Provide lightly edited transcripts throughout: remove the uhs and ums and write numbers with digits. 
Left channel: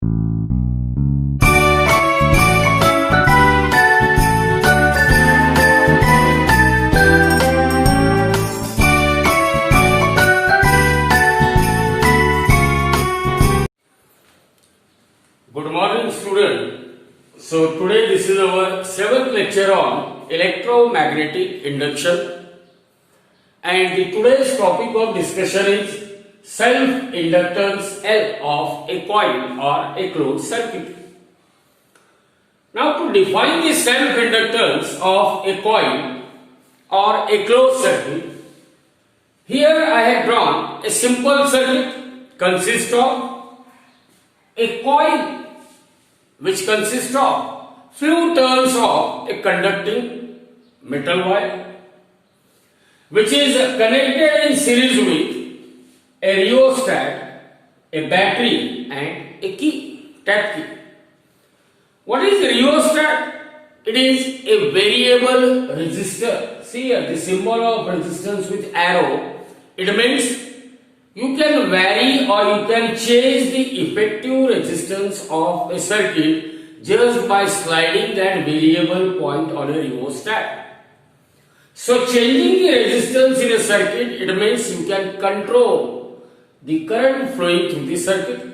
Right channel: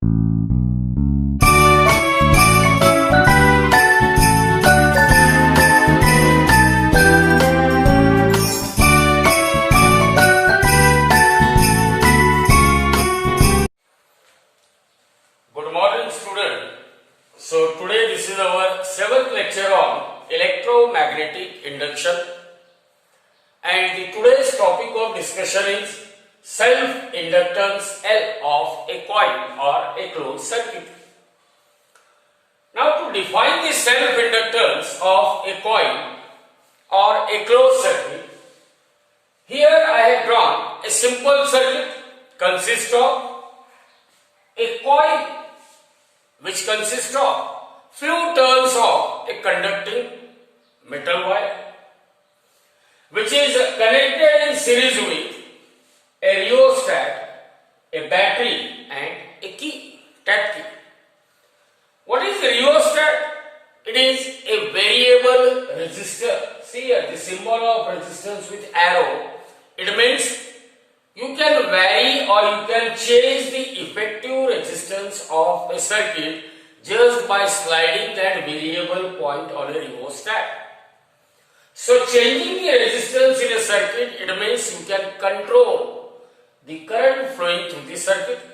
Good morning, student. So today this is our 7th lecture on electromagnetic induction, and today's topic of discussion is self-inductance L of a coil or a closed circuit. Now to define the self-inductance of a coil or a closed circuit, here I have drawn a simple circuit consists of a coil which consists of few turns of a conducting metal wire which is connected in series with a rheostat, a battery and a key, tap key. What is the rheostat? It is a variable resistor. See here the symbol of resistance with arrow. It means you can vary or you can change the effective resistance of a circuit just by sliding that variable point on a rheostat. So changing the resistance in a circuit, it means you can control the current flowing through the circuit.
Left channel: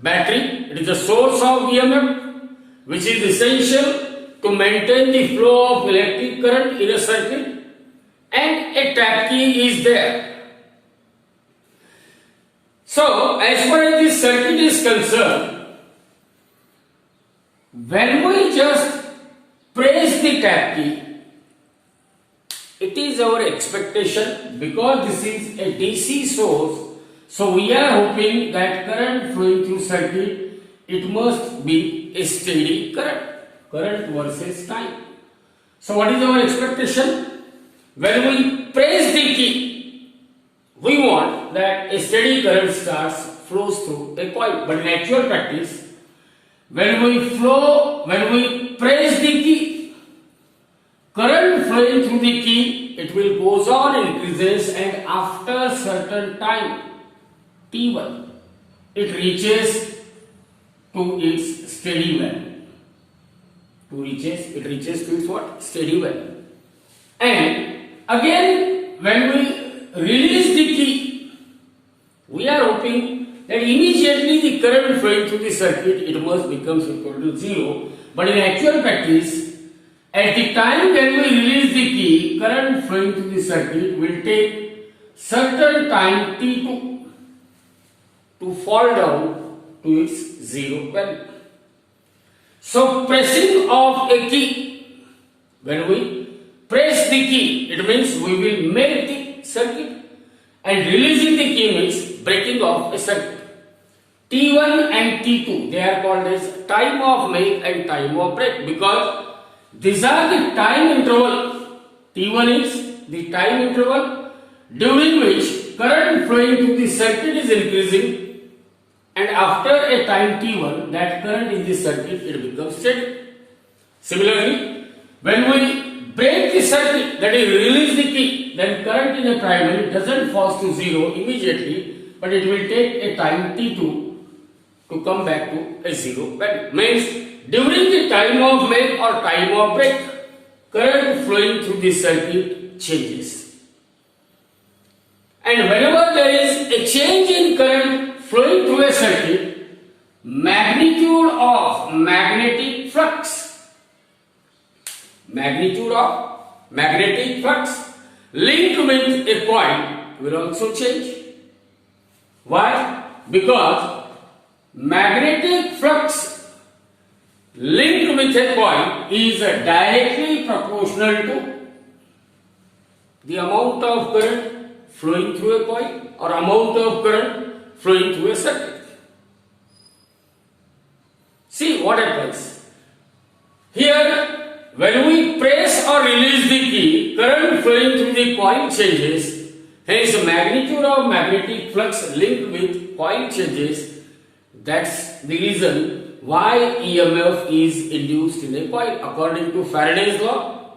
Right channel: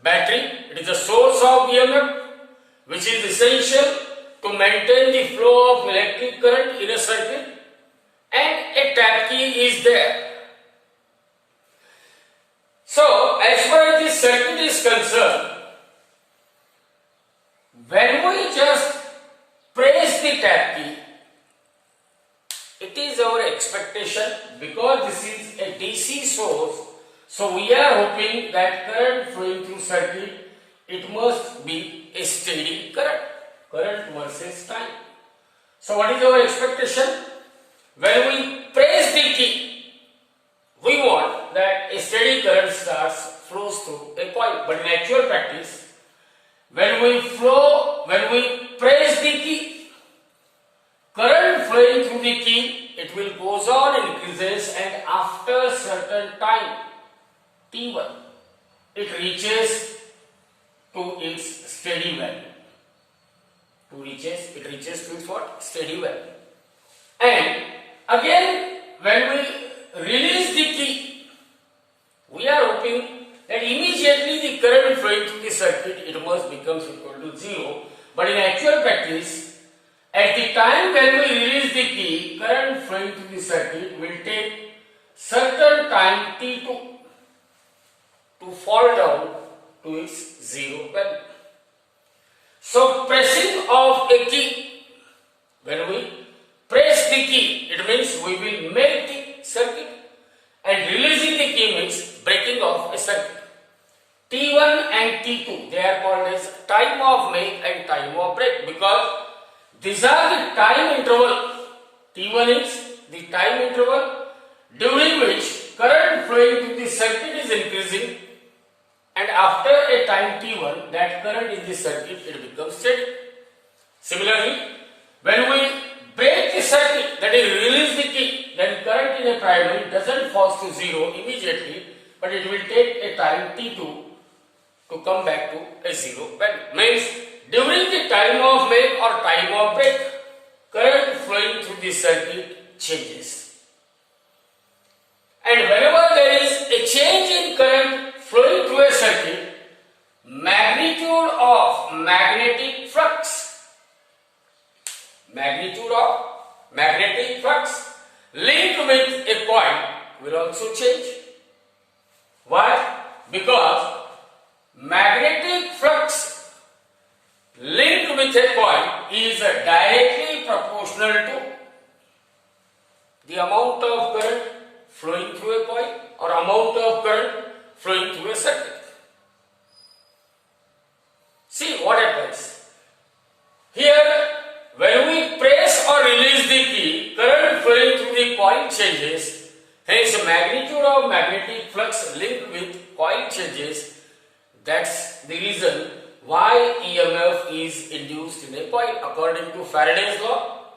Battery, it is the source of EMF which is essential to maintain the flow of electric current in a circuit, and a tap key is there. So, as far as this circuit is concerned, when we just press the tap key, it is our expectation, because this is a DC source, so we are hoping that current flowing through circuit, it must be a steady current versus time. So what is our expectation? When we press the key, we want that a steady current flows through a coil. But in actual practice, when we press the key, current flowing through the key, it will goes on increases, and after a certain time, T1, it reaches to its steady value. It reaches to its what? Steady value. And again, when we release the key, we are hoping that immediately the current flowing through the circuit, it must become equal to 0. But in actual practice, at the time when we release the key, current flowing through the circuit will take certain time T2 to fall down to its 0 value. So pressing of a key, when we press the key, it means we will make the circuit, and releasing the key means breaking off a circuit. T1 and T2, they are called as time of make and time of break, because these are the time interval. T1 is the time interval during which current flowing through the circuit is increasing, and after a time T1, that current in the circuit, it becomes steady. Similarly, when we break the circuit, that is release the key, then current in a primary doesn't fall to 0 immediately, but it will take a time T2 to come back to a 0 value. Means during the time of make or time of break, current flowing through the circuit changes. And whenever there is a change in current flowing through a circuit, magnitude of magnetic flux linked with a coil will also change. Why? Because magnetic flux linked with a coil is directly proportional to the amount of current flowing through a coil or amount of current flowing through a circuit. See what happens. Here, when we press or release the key, current flowing through the coil changes. Hence, magnitude of magnetic flux linked with coil changes. That's the reason why EMF is induced in a coil. According to Faraday's law,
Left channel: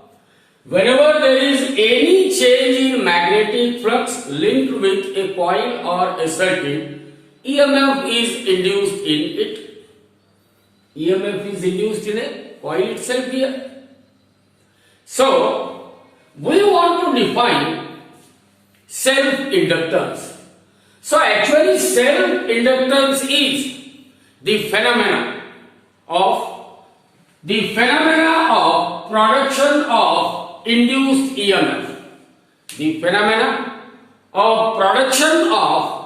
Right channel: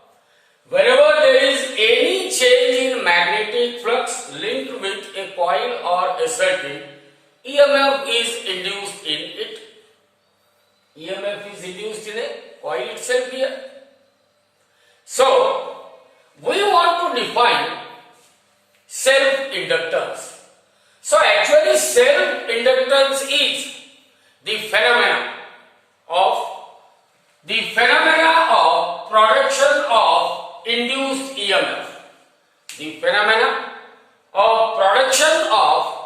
whenever there is any change in magnetic flux linked with a coil or a circuit, EMF is induced in it. EMF is induced in a coil itself here. So, we want to define self-inductance. So, actually self-inductance is the phenomena of production of induced EMF. The phenomena of production of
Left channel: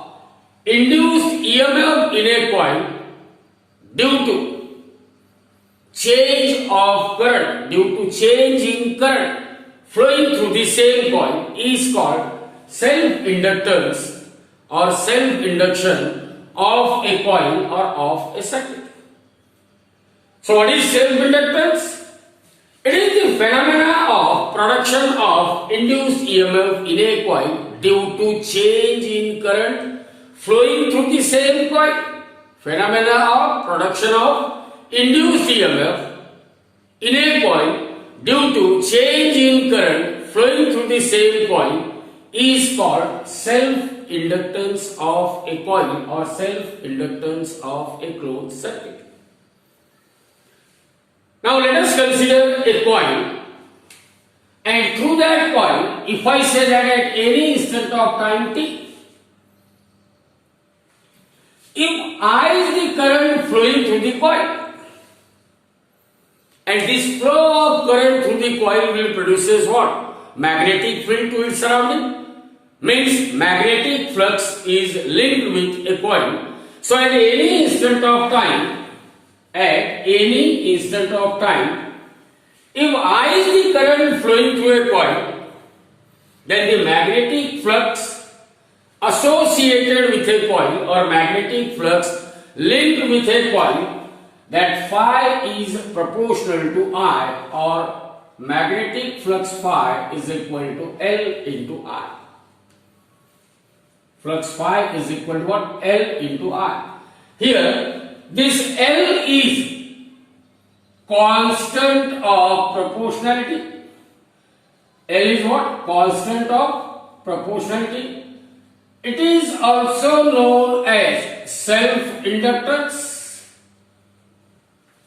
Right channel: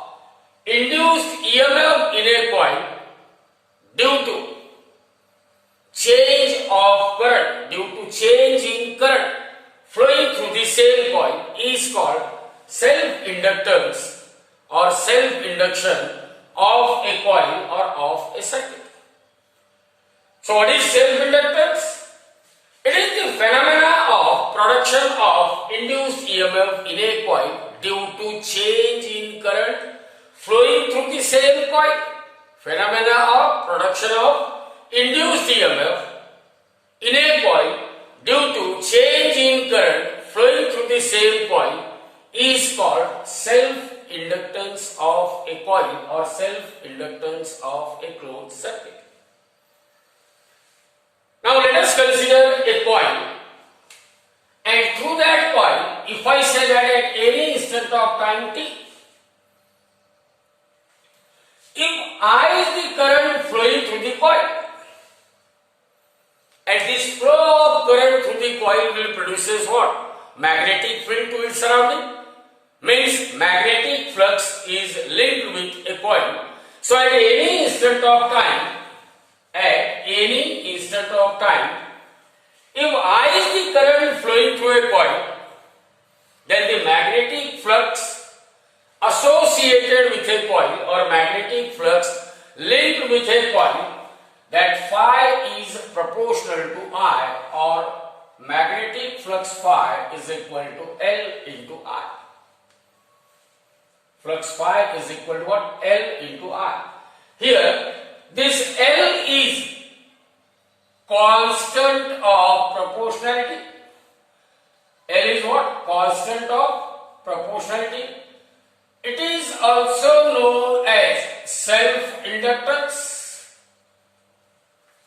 induced EMF in a coil due to change of current, due to change in current flowing through the same coil is called self-inductance or self-induction of a coil or of a circuit. So what is self-inductance? It is the phenomena of production of induced EMF in a coil due to change in current flowing through the same coil. Phenomena of production of induced EMF in a coil due to change in current flowing through the same coil is called self-inductance of a coil or self-inductance of a closed circuit. Now let us consider a coil, and through that coil, if I say that at any instant of time t, if I is the current flowing through the coil, and this flow of current through the coil will produces what? Magnetic field to its surrounding. Means magnetic flux is linked with a coil. So at any instant of time, if I is the current flowing through a coil, then the magnetic flux associated with a coil or magnetic flux linked with a coil, that phi is proportional to I, or magnetic flux phi is equal to L into I. Flux phi is equal to what? L into I. Here, this L is constant of proportionality. L is what? Constant of proportionality. It is also known as self-inductance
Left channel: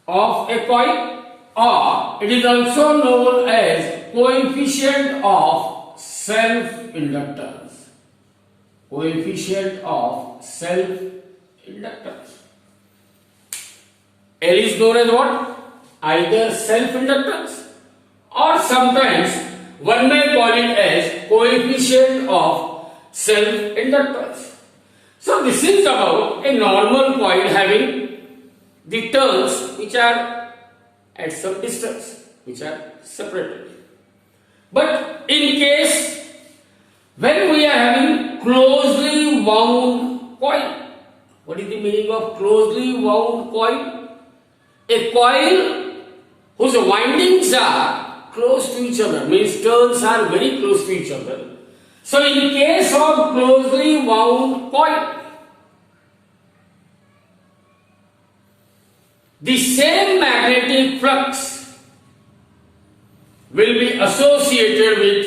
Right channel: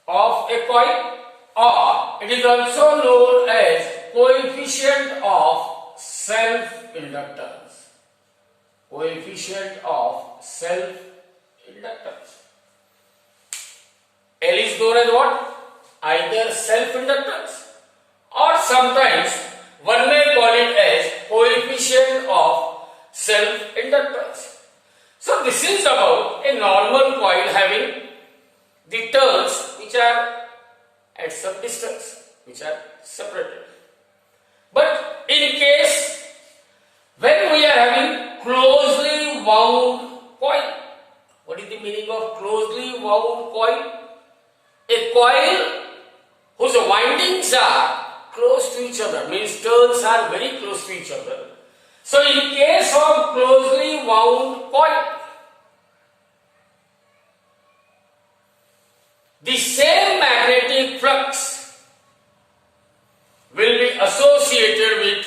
of a coil, or it is also known as coefficient of self-inductance. Coefficient of self-inductance. L is known as what? Either self-inductance, or sometimes one may call it as coefficient of self-inductance. So this is about a normal coil having the turns which are at some distance, which are separated. But in case when we are having closely wound coil, what is the meaning of closely wound coil? A coil whose windings are close to each other, means turns are very close to each other. So in case of closely wound coil, the same magnetic flux will be associated with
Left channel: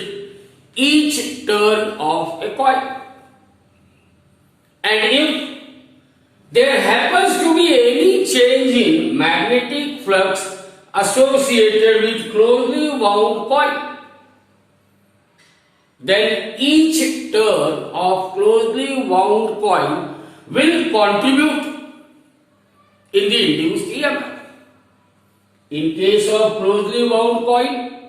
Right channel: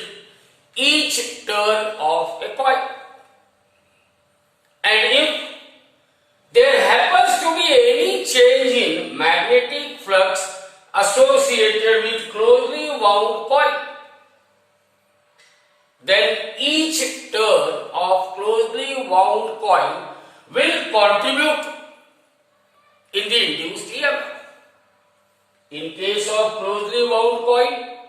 each turn of a coil. And if there happens to be any change in magnetic flux associated with closely wound coil, then each turn of closely wound coil will contribute in the induced EMF. In case of closely wound coil,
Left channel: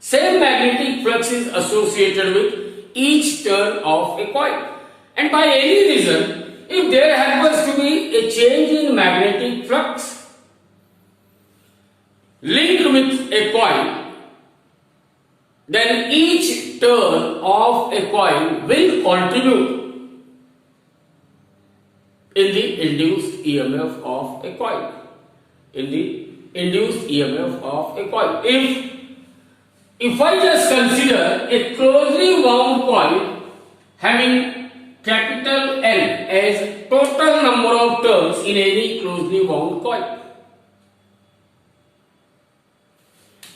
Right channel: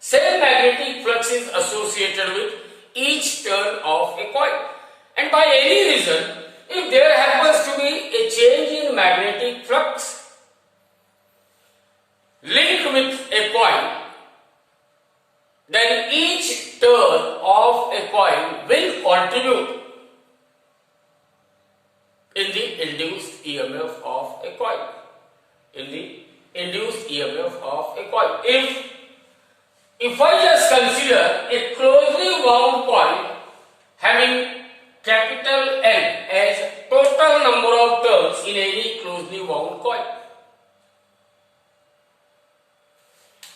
same magnetic flux is associated with each turn of a coil. And by any reason, if there happens to be a change in magnetic flux linked with a coil, then each turn of a coil will contribute in the induced EMF of a coil. In the induced EMF of a coil. If I just consider a closely wound coil having capital N as total number of turns in any closely wound coil,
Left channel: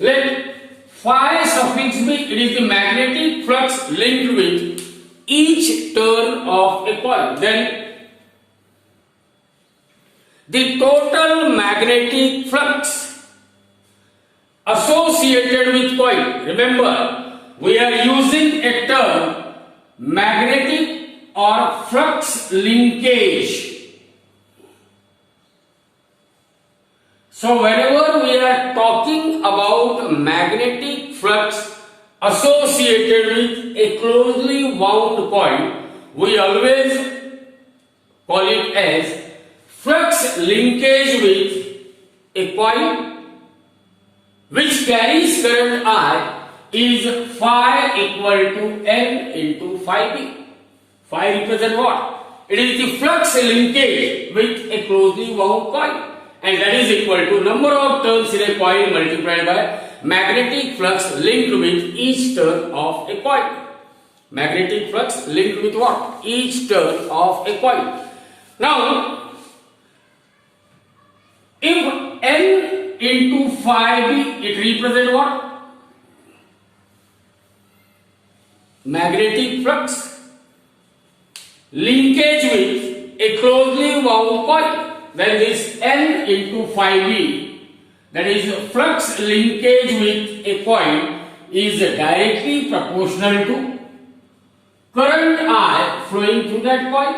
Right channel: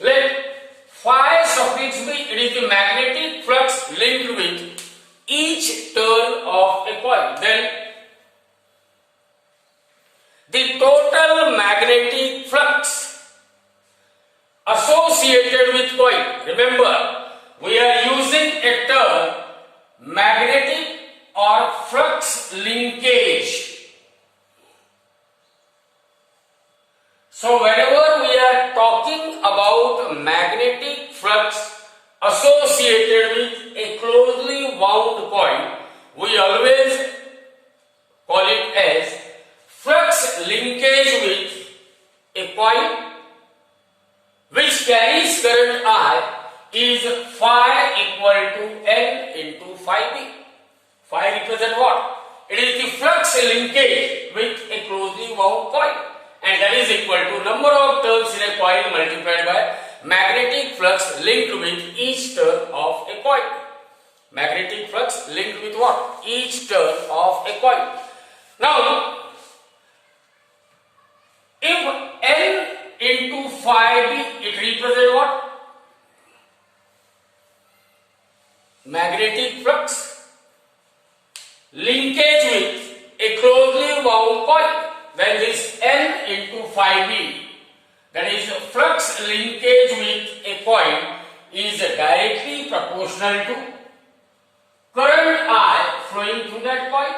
let phi suffix be, it is the magnetic flux linked with each turn of a coil. Then the total magnetic flux associated with coil. Remember, we are using a term magnetic or flux linkage. So whenever we are talking about magnetic flux associated with a closely wound coil, we always call it as flux linkage with a coil which carries current I is phi equal to N into phi B. Phi represents what? It is the flux linkage with a closely wound coil, and that is equal to number of turns in a coil multiplied by magnetic flux linked with each turn of a coil. Magnetic flux linked with what? Each turn of a coil. Now, if N into phi B, it represents what? Magnetic flux linkage with a closely wound coil. Then this N into phi B, that is flux linkage with a coil, is directly proportional to current I flowing through that coil,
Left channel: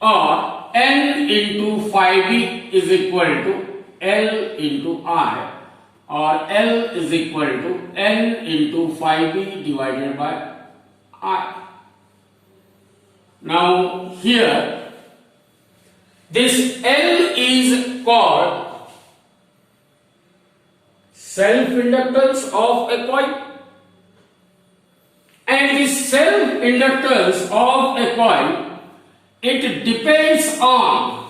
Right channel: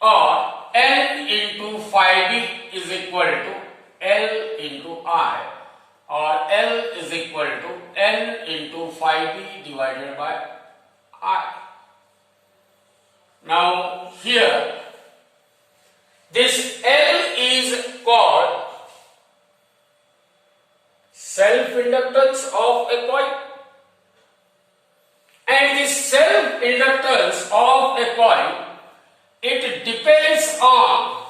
or N into phi B is equal to L into I, or L is equal to N into phi B divided by I. Now here, this L is called self-inductance of a coil, and this self-inductance of a coil, it depends on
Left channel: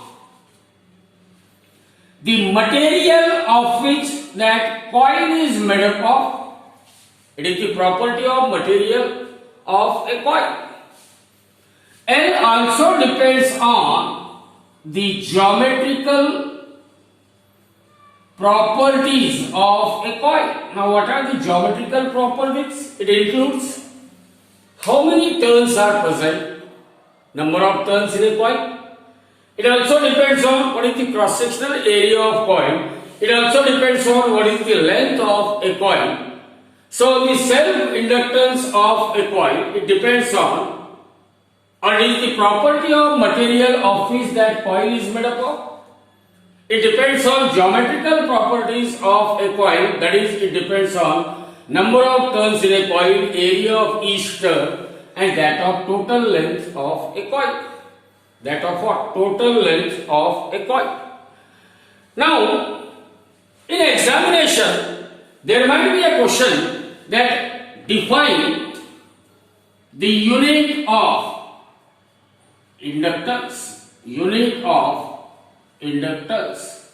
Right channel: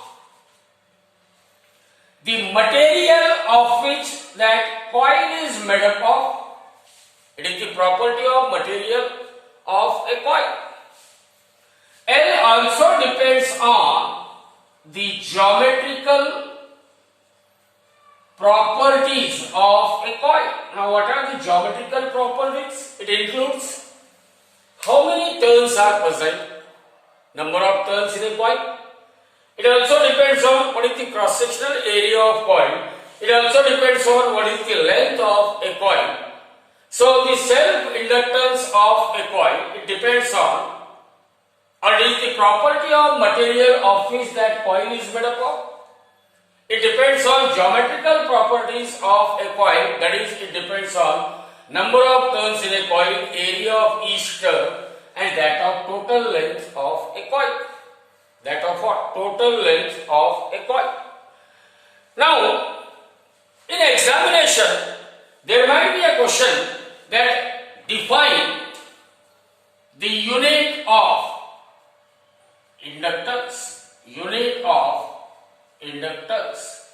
the material of which that coil is made up of. It is the property of material of a coil. L also depends on the geometrical properties of a coil. Now, what are the geometrical properties? It includes how many turns are present, number of turns in a coil. It also depends on what is the cross-sectional area of coil. It also depends on what is the length of a coil. So, the self-inductance of a coil, it depends on, or it is the property of material of which that coil is made up of. It depends on geometrical properties of a coil, that is, it depends on number of turns in a coil, area of each turn, and that of total length of a coil. That of what? Total length of a coil. Now, in examination, there might be a question that define the unit of inductance. Unit of inductance.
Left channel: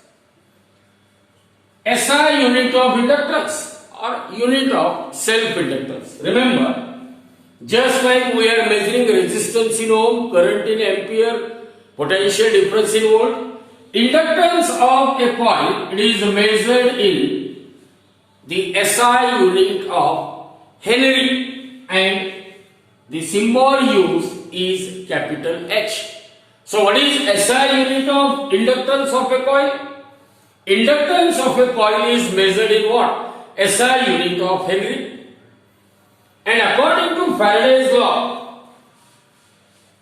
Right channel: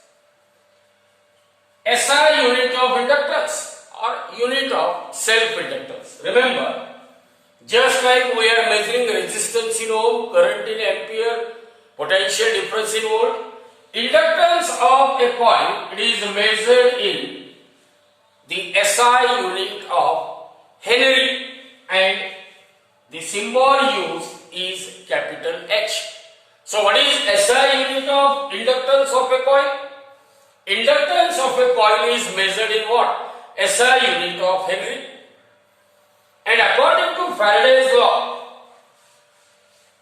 SI unit of inductance or unit of self-inductance. Remember, just like we are measuring resistance in ohm, current in ampere, potential difference in volt, inductance of a coil, it is measured in the SI unit of Henry, and the symbol used is capital H. So what is SI unit of inductance of a coil? Inductance of a coil is measured in what? SI unit of Henry. And according to Faraday's law,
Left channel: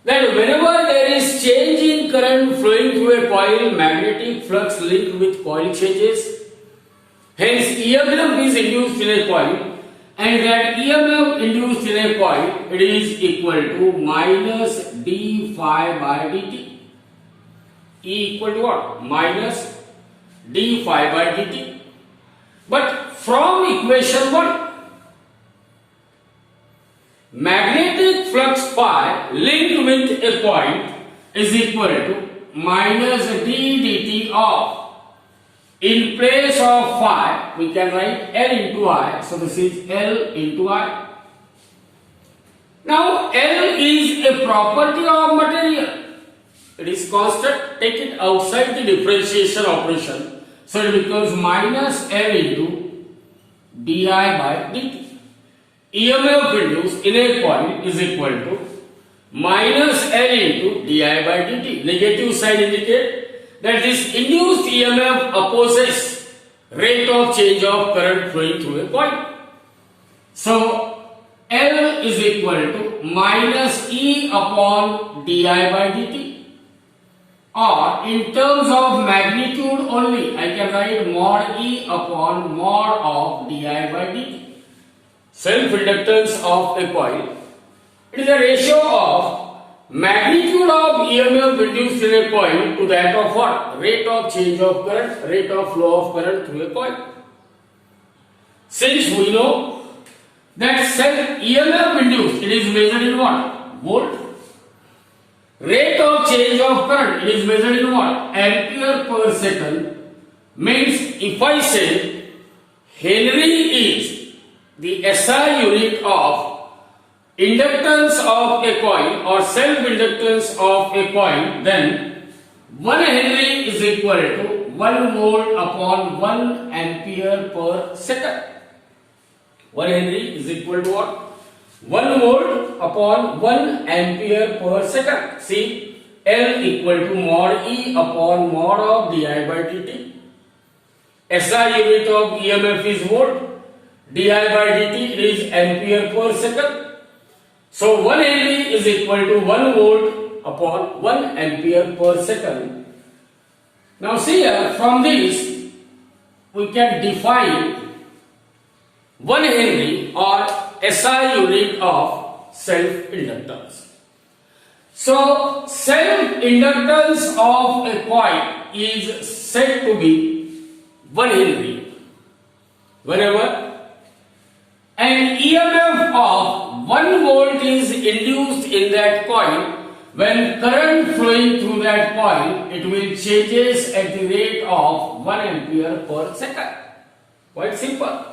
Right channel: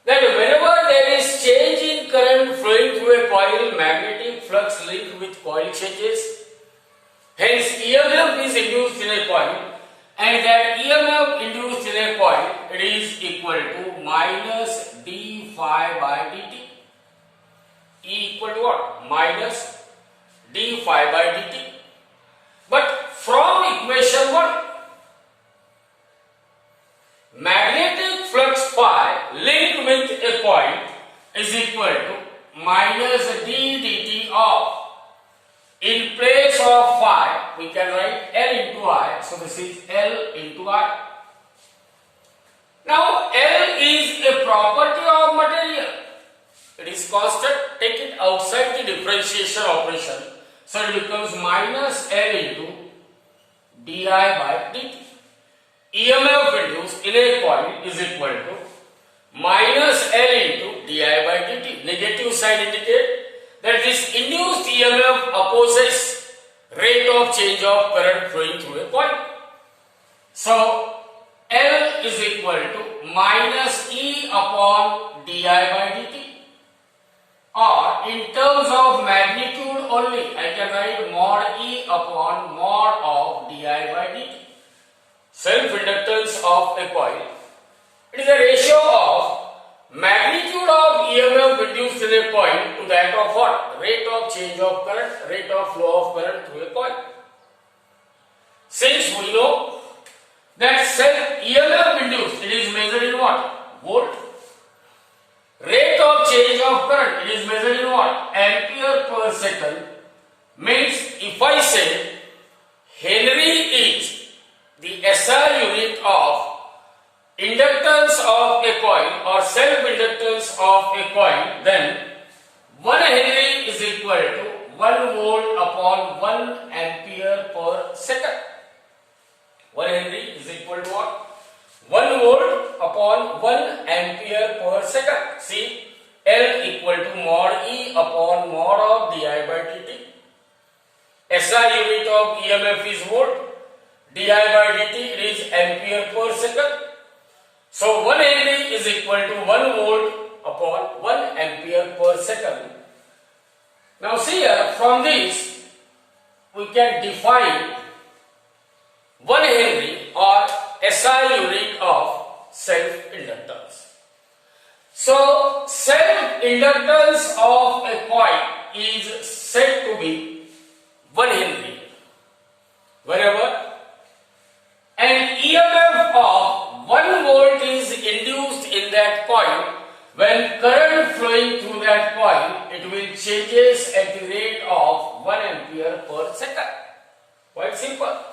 that whenever there is change in current flowing through a coil, magnetic flux linked with coil changes. Hence, EMF is induced in a coil, and that EMF induced in a coil, it is equal to minus d phi by dt. E equal to what? Minus d phi by dt. But from equation 1, magnetic flux phi linked with a coil is equal to minus d dt of, in place of phi, we can write L into I. So this is L into I. Now L is a property of material. It is constant. Take it outside the differentiation operation. So it becomes minus L into di by dt. EMF induced in a coil is equal to minus L into di by dt. Negative sign indicate that this induced EMF opposes rate of change of current flowing through a coil. So L is equal to minus E upon di by dt. Or in terms of magnitude only, I can write mod E upon mod of di by dt. Self-inductance of a coil. It is a ratio of magnitude of EMF induced in a coil to that of what? Rate of change of current, rate of flow of current through a coil. Since we know that self EMF induced, it is measured in what? Volt. Rate of change of current, it is measured in what? Ampere per second. Means if I say Henry is the SI unit of inductance of a coil or self-inductance of a coil, then 1 Henry is equal to 1 volt upon 1 ampere per second. 1 Henry is equal to what? 1 volt upon 1 ampere per second. See, L equal to mod E upon mod of di by dt. SI unit of EMF is volt. Di by dt is ampere per second. So 1 Henry is equal to 1 volt upon 1 ampere per second. Now see here, from this we can define 1 Henry or SI unit of self-inductance. So self-inductance of a coil is said to be 1 Henry wherever an EMF of 1 volt is induced in that coil. When current flowing through that coil, it will changes at the rate of 1 ampere per second. Quite simple.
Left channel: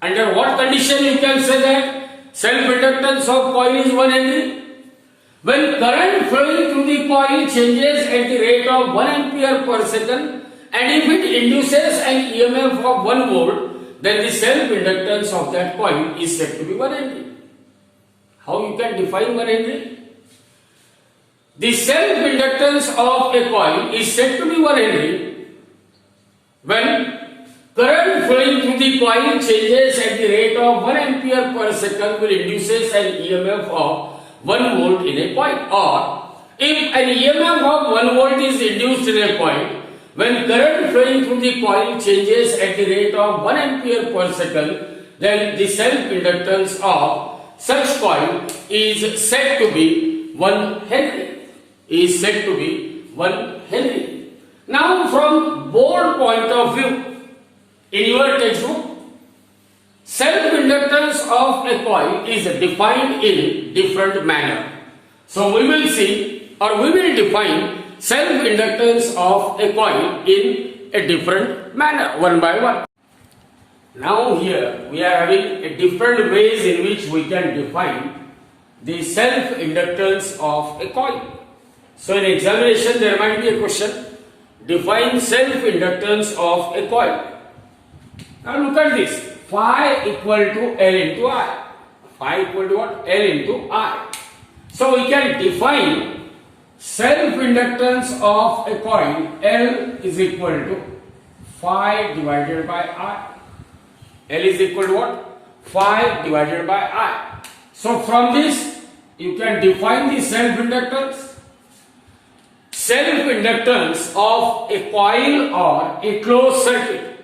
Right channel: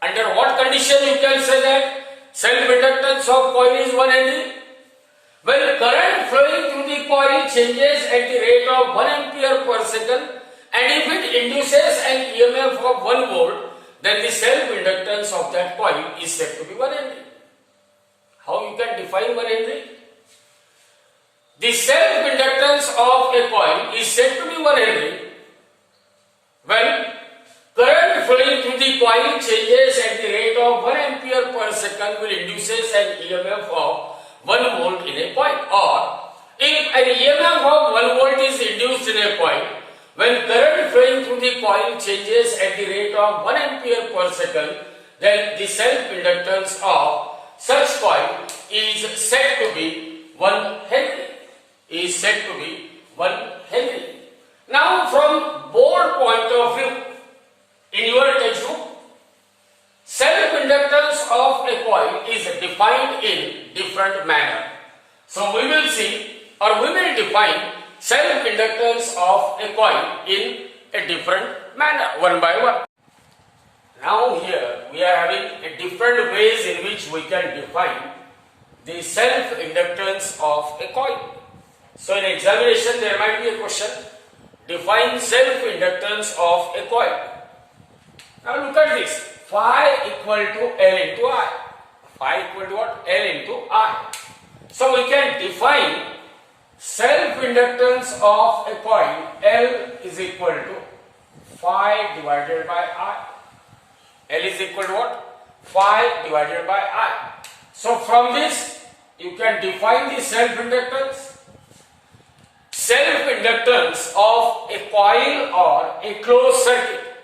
Under what condition you can say that self-inductance of coil is 1 Henry? When current flowing through the coil changes at the rate of 1 ampere per second, and if it induces an EMF of 1 volt, then the self-inductance of that coil is said to be 1 Henry. How you can define 1 Henry? The self-inductance of a coil is said to be 1 Henry when current flowing through the coil changes at the rate of 1 ampere per second will induces an EMF of 1 volt in a coil. Or if an EMF of 1 volt is induced in a coil, when current flowing through the coil changes at the rate of 1 ampere per second, then the self-inductance of such coil is said to be 1 Henry. Is said to be 1 Henry. Now from board point of view, in your textbook, self-inductance of a coil is defined in different manner. So we will see or we will define self-inductance of a coil in a different manner, one by one. Now here we are having a different ways in which we can define the self-inductance of a coil. So in examination there might be a question, define self-inductance of a coil. Now look at this, phi equal to L into I. Phi equal to what? L into I. So we can define self-inductance of a coil, L is equal to phi divided by I. L is equal to what? Phi divided by I. So from this you can define the self-inductance. Self-inductance of a coil or a closed circuit.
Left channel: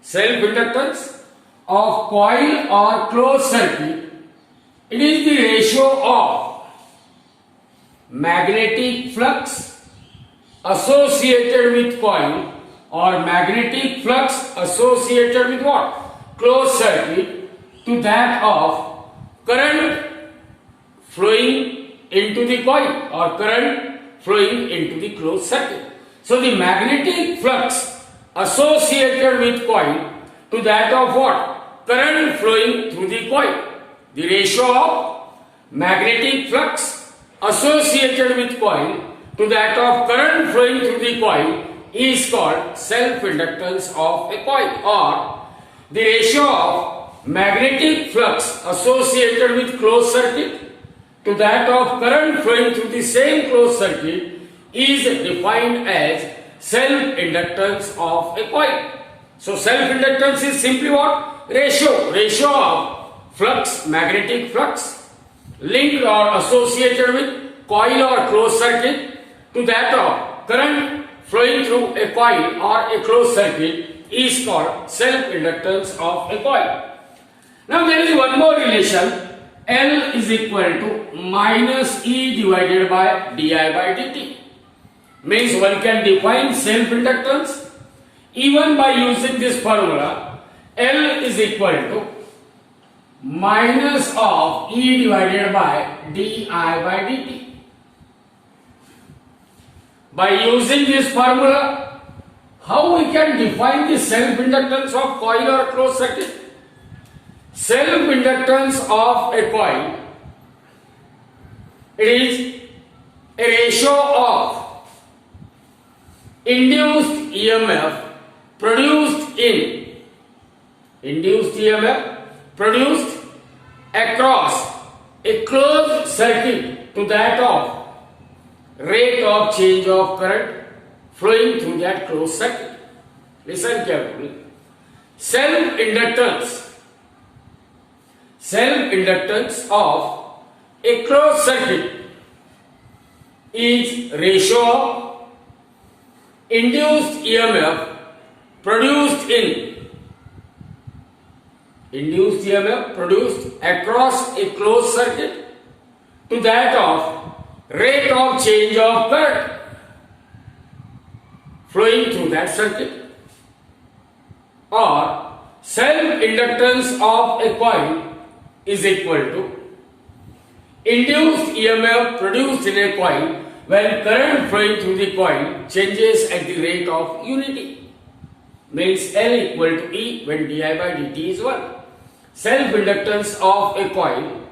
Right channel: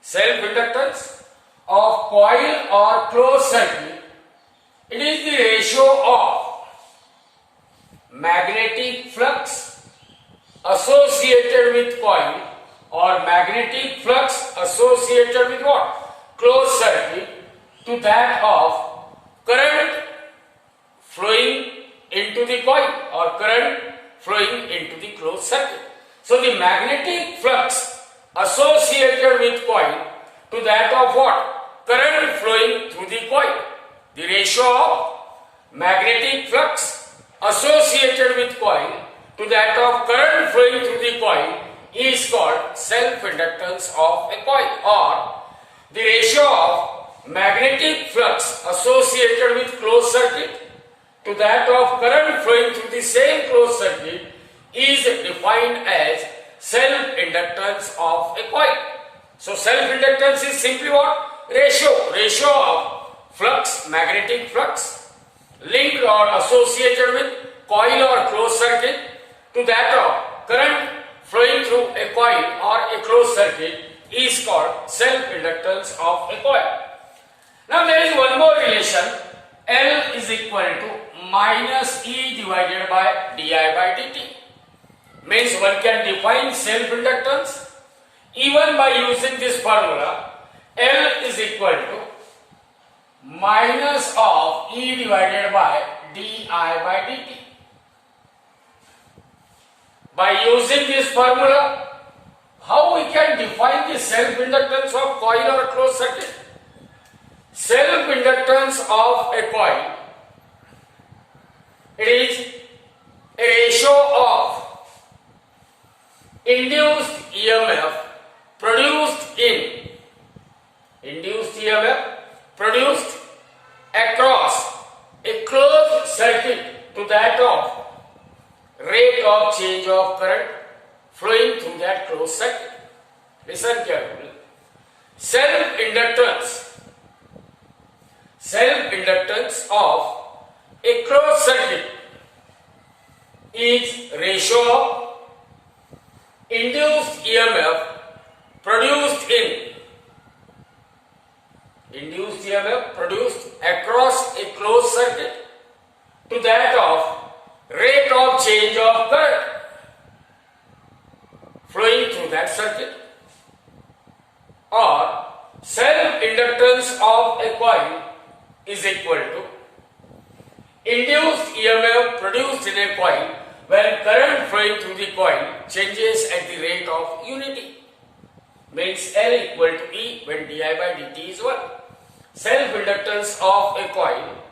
Self-inductance of coil or closed circuit, it is the ratio of magnetic flux associated with coil or magnetic flux associated with what? Closed circuit to that of current flowing into the coil or current flowing into the closed circuit. So the magnetic flux associated with coil to that of what? Current flowing through the coil. The ratio of magnetic flux associated with coil to that of current flowing through the coil is called self-inductance of a coil, or the ratio of magnetic flux associated with closed circuit to that of current flowing through the same closed circuit is defined as self-inductance of a coil. So self-inductance is simply what? Ratio of flux, magnetic flux, linked or associated with coil or closed circuit to that of current flowing through a coil or a closed circuit is called self-inductance of a coil. Now there is one more relation. L is equal to minus E divided by di by dt. Means one can define self-inductance even by using this formula. L is equal to minus of E divided by di by dt. By using this formula, how we can define the self-inductance of coil or closed circuit? Self-inductance of a coil, it is a ratio of induced EMF produced across a closed circuit to that of rate of change of current flowing through that closed circuit. Listen carefully. Self-inductance of a closed circuit is ratio of induced EMF produced across a closed circuit to that of rate of change of current flowing through that circuit, or self-inductance of a coil is equal to induced EMF produced in a coil when current flowing through the coil changes at the rate of unity. Means L equal to E when di by dt is 1. Self-inductance of a coil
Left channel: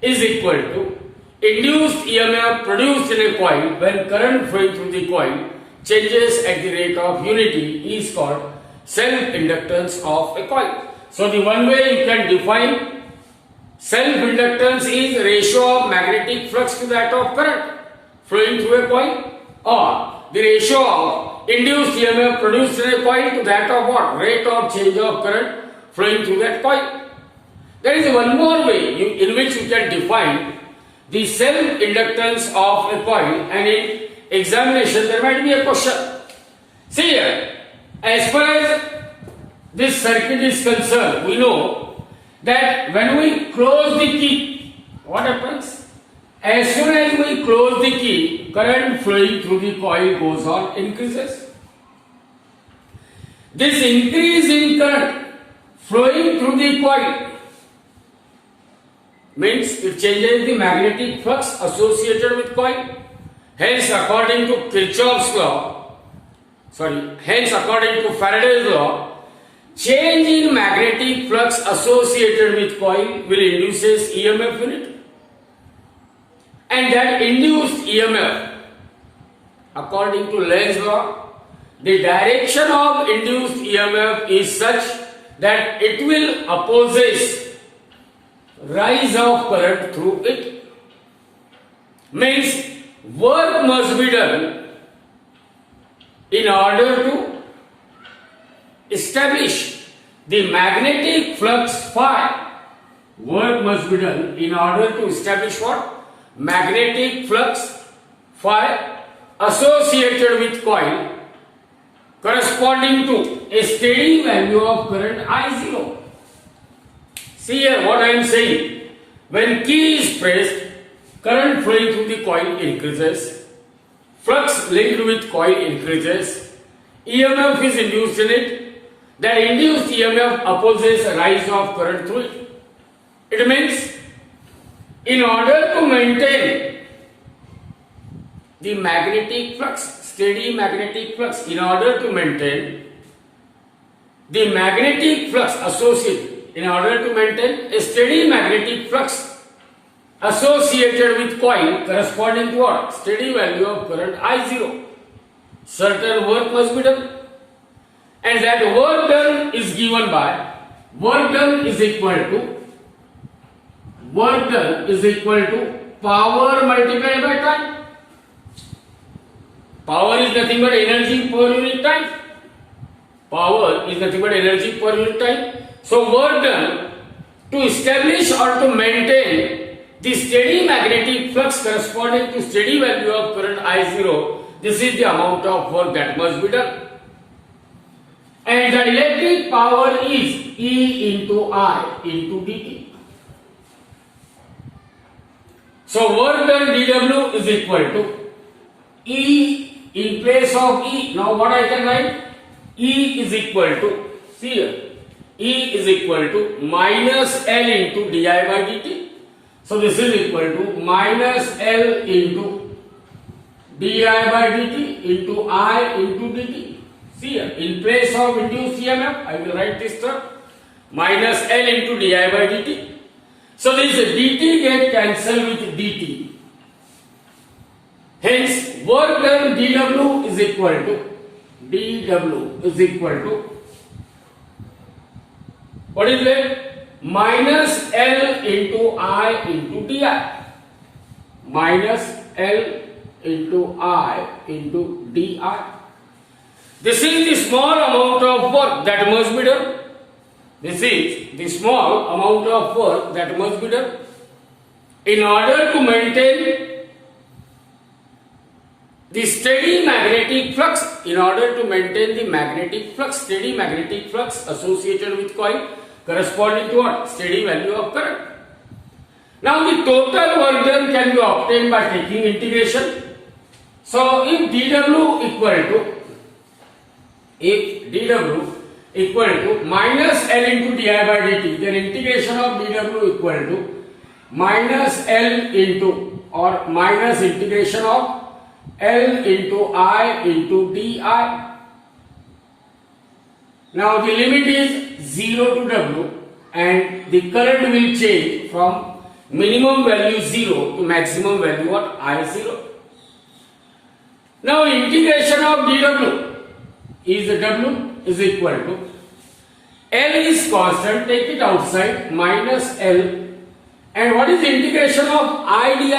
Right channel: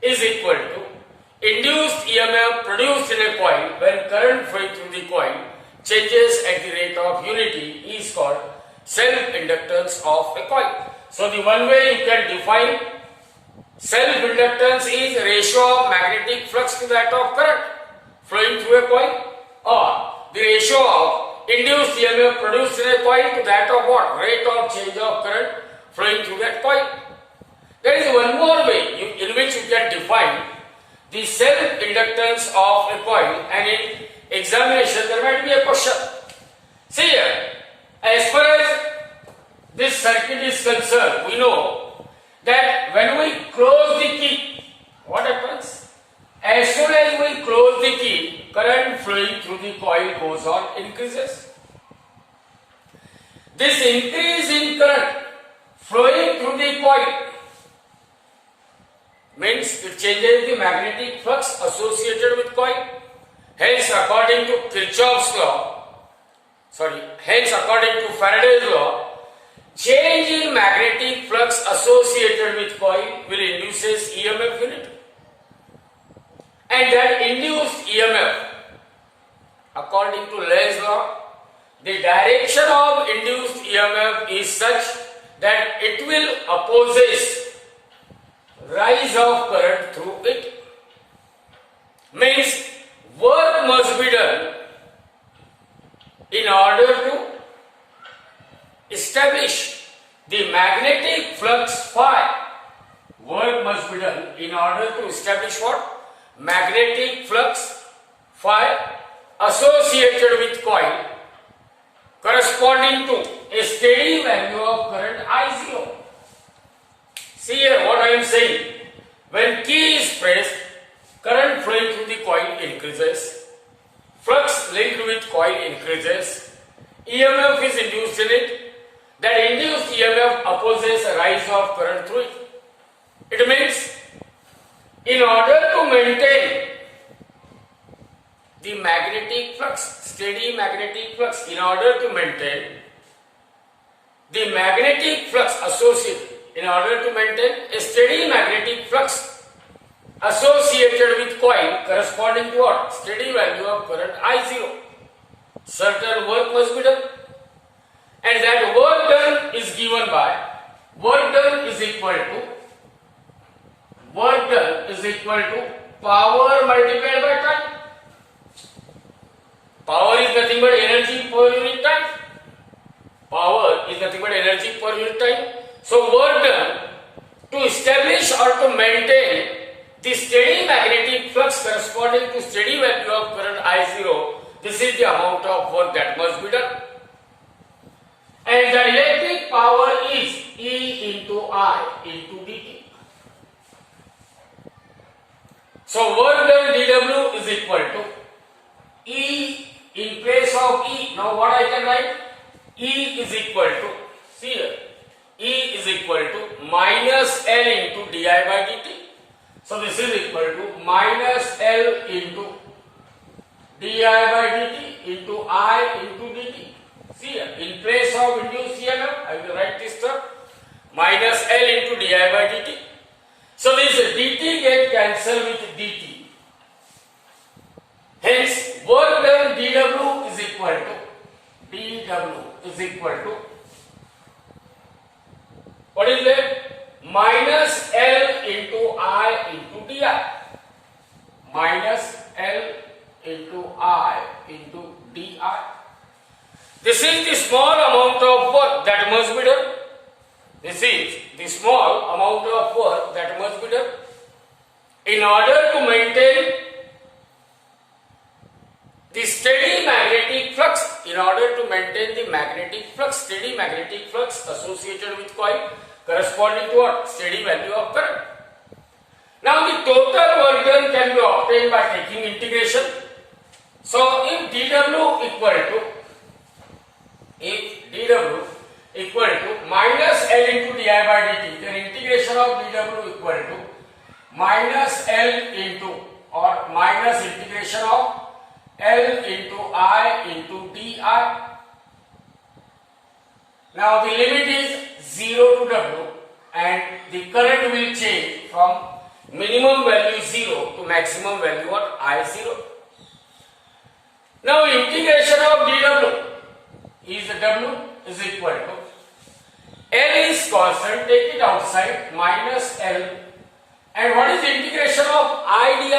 is equal to induced EMF produced in a coil when current flowing through the coil changes at the rate of unity is called self-inductance of a coil. So the one way you can define self-inductance is ratio of magnetic flux to that of current flowing through a coil, or the ratio of induced EMF produced in a coil to that of what? Rate of change of current flowing through that coil. There is one more way in which you can define the self-inductance of a coil, and in examination there might be a question. See here, as far as this circuit is concerned, we know that when we close the key, what happens? As soon as we close the key, current flowing through the coil goes on, increases. This increase in current flowing through the coil means it changes the magnetic flux associated with coil. Hence, according to Faraday's law, change in magnetic flux associated with coil will induces EMF in it. And that induced EMF, according to Lenz's law, the direction of induced EMF is such that it will opposes rise of current through it. Means work must be done in order to establish the magnetic flux phi. Work must be done in order to establish what? Magnetic flux phi associated with coil corresponding to a steady value of current I0. See here what I am saying. When key is pressed, current flowing through the coil increases, flux linked with coil increases, EMF is induced in it, that induced EMF opposes a rise of current through it. It means in order to maintain the magnetic flux, steady magnetic flux, in order to maintain the magnetic flux associated, in order to maintain a steady magnetic flux associated with coil corresponding to what? Steady value of current I0. Certain work must be done, and that work done is given by work done is equal to power multiplied by time. Power is nothing but energy per unit time. Power is nothing but energy per unit time. So work done to establish or to maintain the steady magnetic flux corresponding to steady value of current I0. This is the amount of work that must be done. And the electric power is E into I into dt. So work done dW is equal to E in place of E. Now what I can write? E is equal to, see here, E is equal to minus L into di by dt. So this is equal to minus L into di by dt into I into dt. See here, in place of induced EMF, I will write this term minus L into di by dt. So this dt get cancelled with dt. Hence, work done dW is equal to what is that? Minus L into I into di. Minus L into I into di. This is the small amount of work that must be done. This is the small amount of work that must be done in order to maintain the steady magnetic flux, in order to maintain the magnetic flux, steady magnetic flux associated with coil corresponding to what? Steady value of current. Now the total work done can be obtained by taking integration. So if dW equal to minus L into di by dt, then integration of dW equal to minus L into or minus integration of L into I into di. Now the limit is 0 to W and the current will change from minimum value 0 to maximum value what? I0. Now integration of dW is W is equal to L is constant, take it outside, minus L, and what is the integration of I di?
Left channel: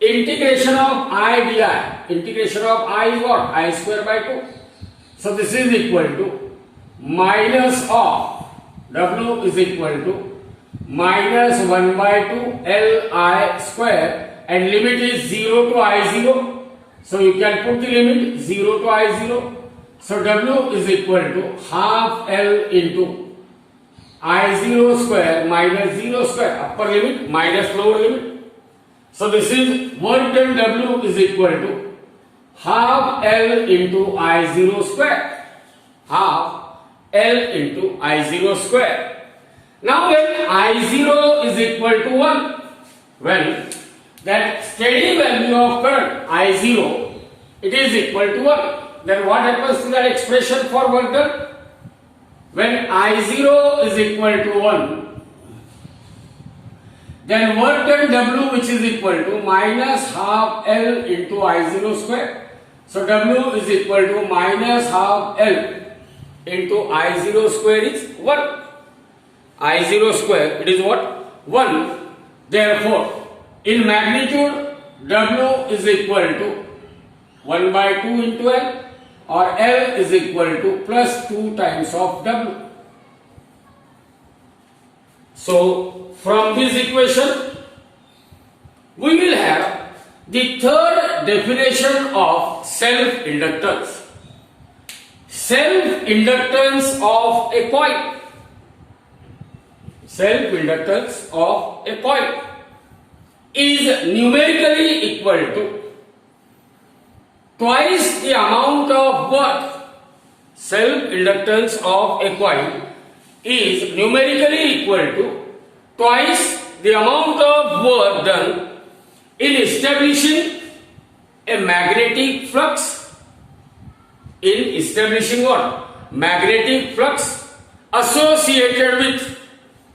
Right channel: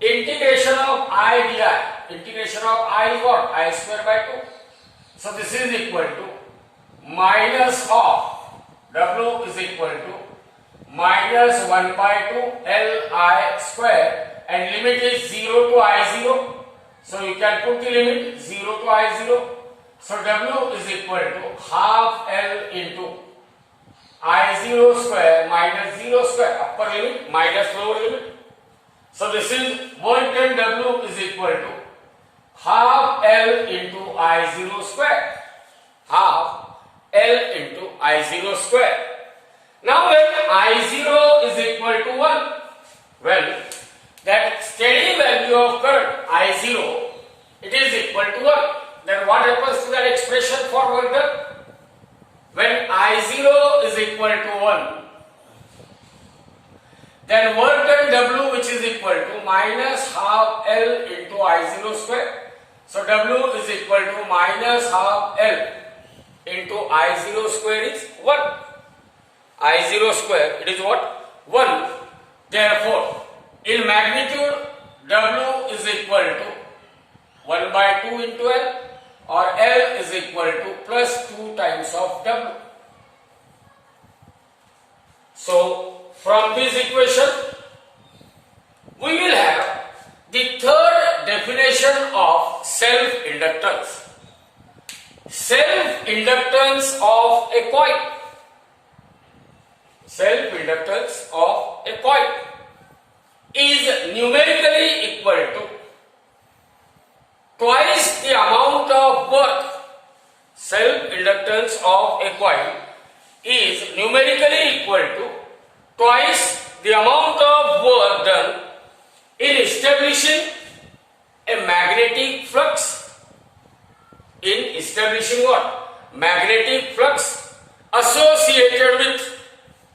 Integration of I di, integration of I is what? I square by 2. So this is equal to minus of W is equal to minus 1 by 2 Li square, and limit is 0 to I0. So you can put the limit 0 to I0. So W is equal to half L into I0 square minus 0 square, upper limit minus lower limit. So this is work done W is equal to half L into I0 square. Half L into I0 square. Now when I0 is equal to 1, well, that steady value of current I0, it is equal to 1. Then what happens to that expression for work done? When I0 is equal to 1, then work done W which is equal to minus half L into I0 square. So W is equal to minus half L into I0 square is 1. I0 square, it is what? 1. Therefore, in magnitude, W is equal to 1 by 2 into L, or L is equal to plus 2 times of W. So, from this equation, we will have the third definition of self-inductance. Self-inductance of a coil. Self-inductance of a coil is numerically equal to twice the amount of work. Self-inductance of a coil is numerically equal to twice the amount of work done in establishing a magnetic flux. In establishing what? Magnetic flux associated with,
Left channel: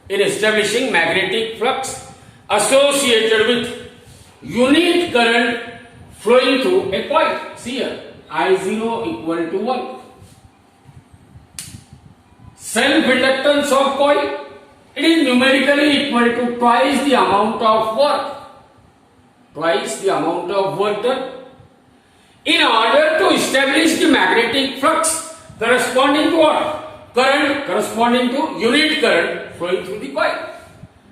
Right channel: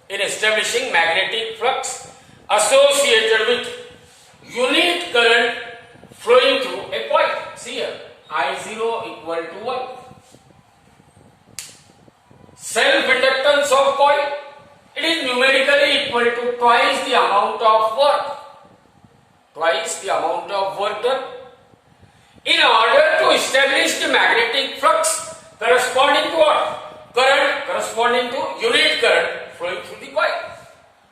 in establishing magnetic flux associated with unit current flowing through a coil. See here, I0 equal to 1. Self-inductance of coil, it is numerically equal to twice the amount of work. twice the amount of work done. In order to establish the magnetic flux corresponding to what? Current corresponding to unit current flowing through the coil.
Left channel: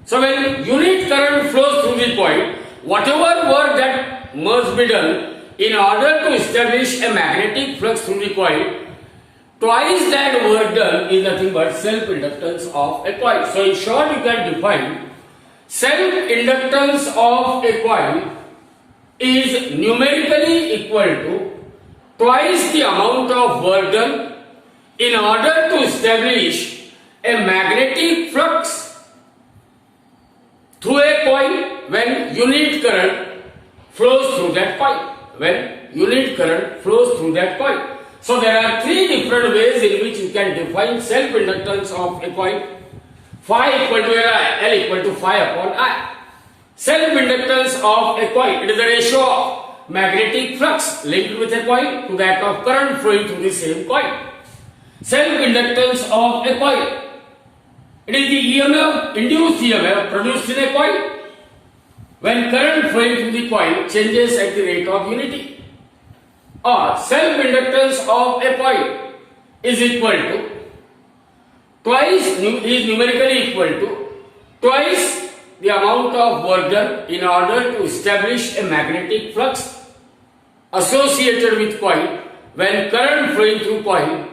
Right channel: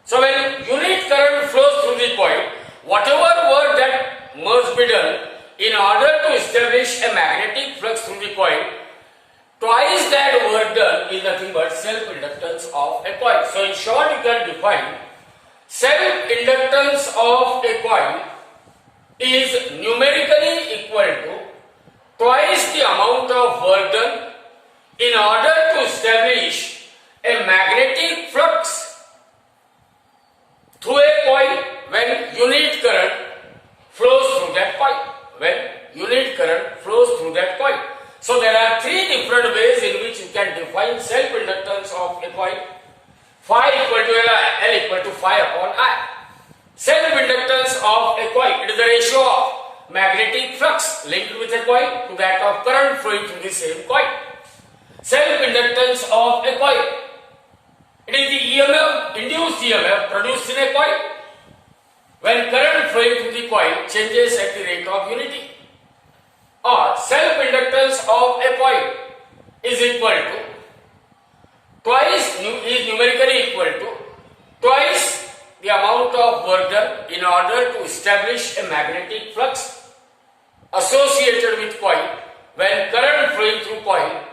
So when unit current flows through the coil, whatever work that must be done in order to establish a magnetic flux through the coil, twice that work done is nothing but self-inductance of a coil. So in short, you can define self-inductance of a coil is numerically equal to twice the amount of work done in order to establish a magnetic flux through a coil when unit current flows through that coil. When unit current flows through that coil. So there are three different ways in which you can define self-inductance of a coil. Phi equal to L equal to phi upon I. Self-inductance of a coil, it is the ratio of magnetic flux linked with a coil to that of current flowing through the same coil. Self-inductance of a coil, it is the EMF, induced EMF produced in a coil when current flowing through the coil changes at the rate of unity. Or self-inductance of a coil is equal to twice, is numerically equal to twice the amount of work done in order to establish a magnetic flux associated with coil when current flowing through coil,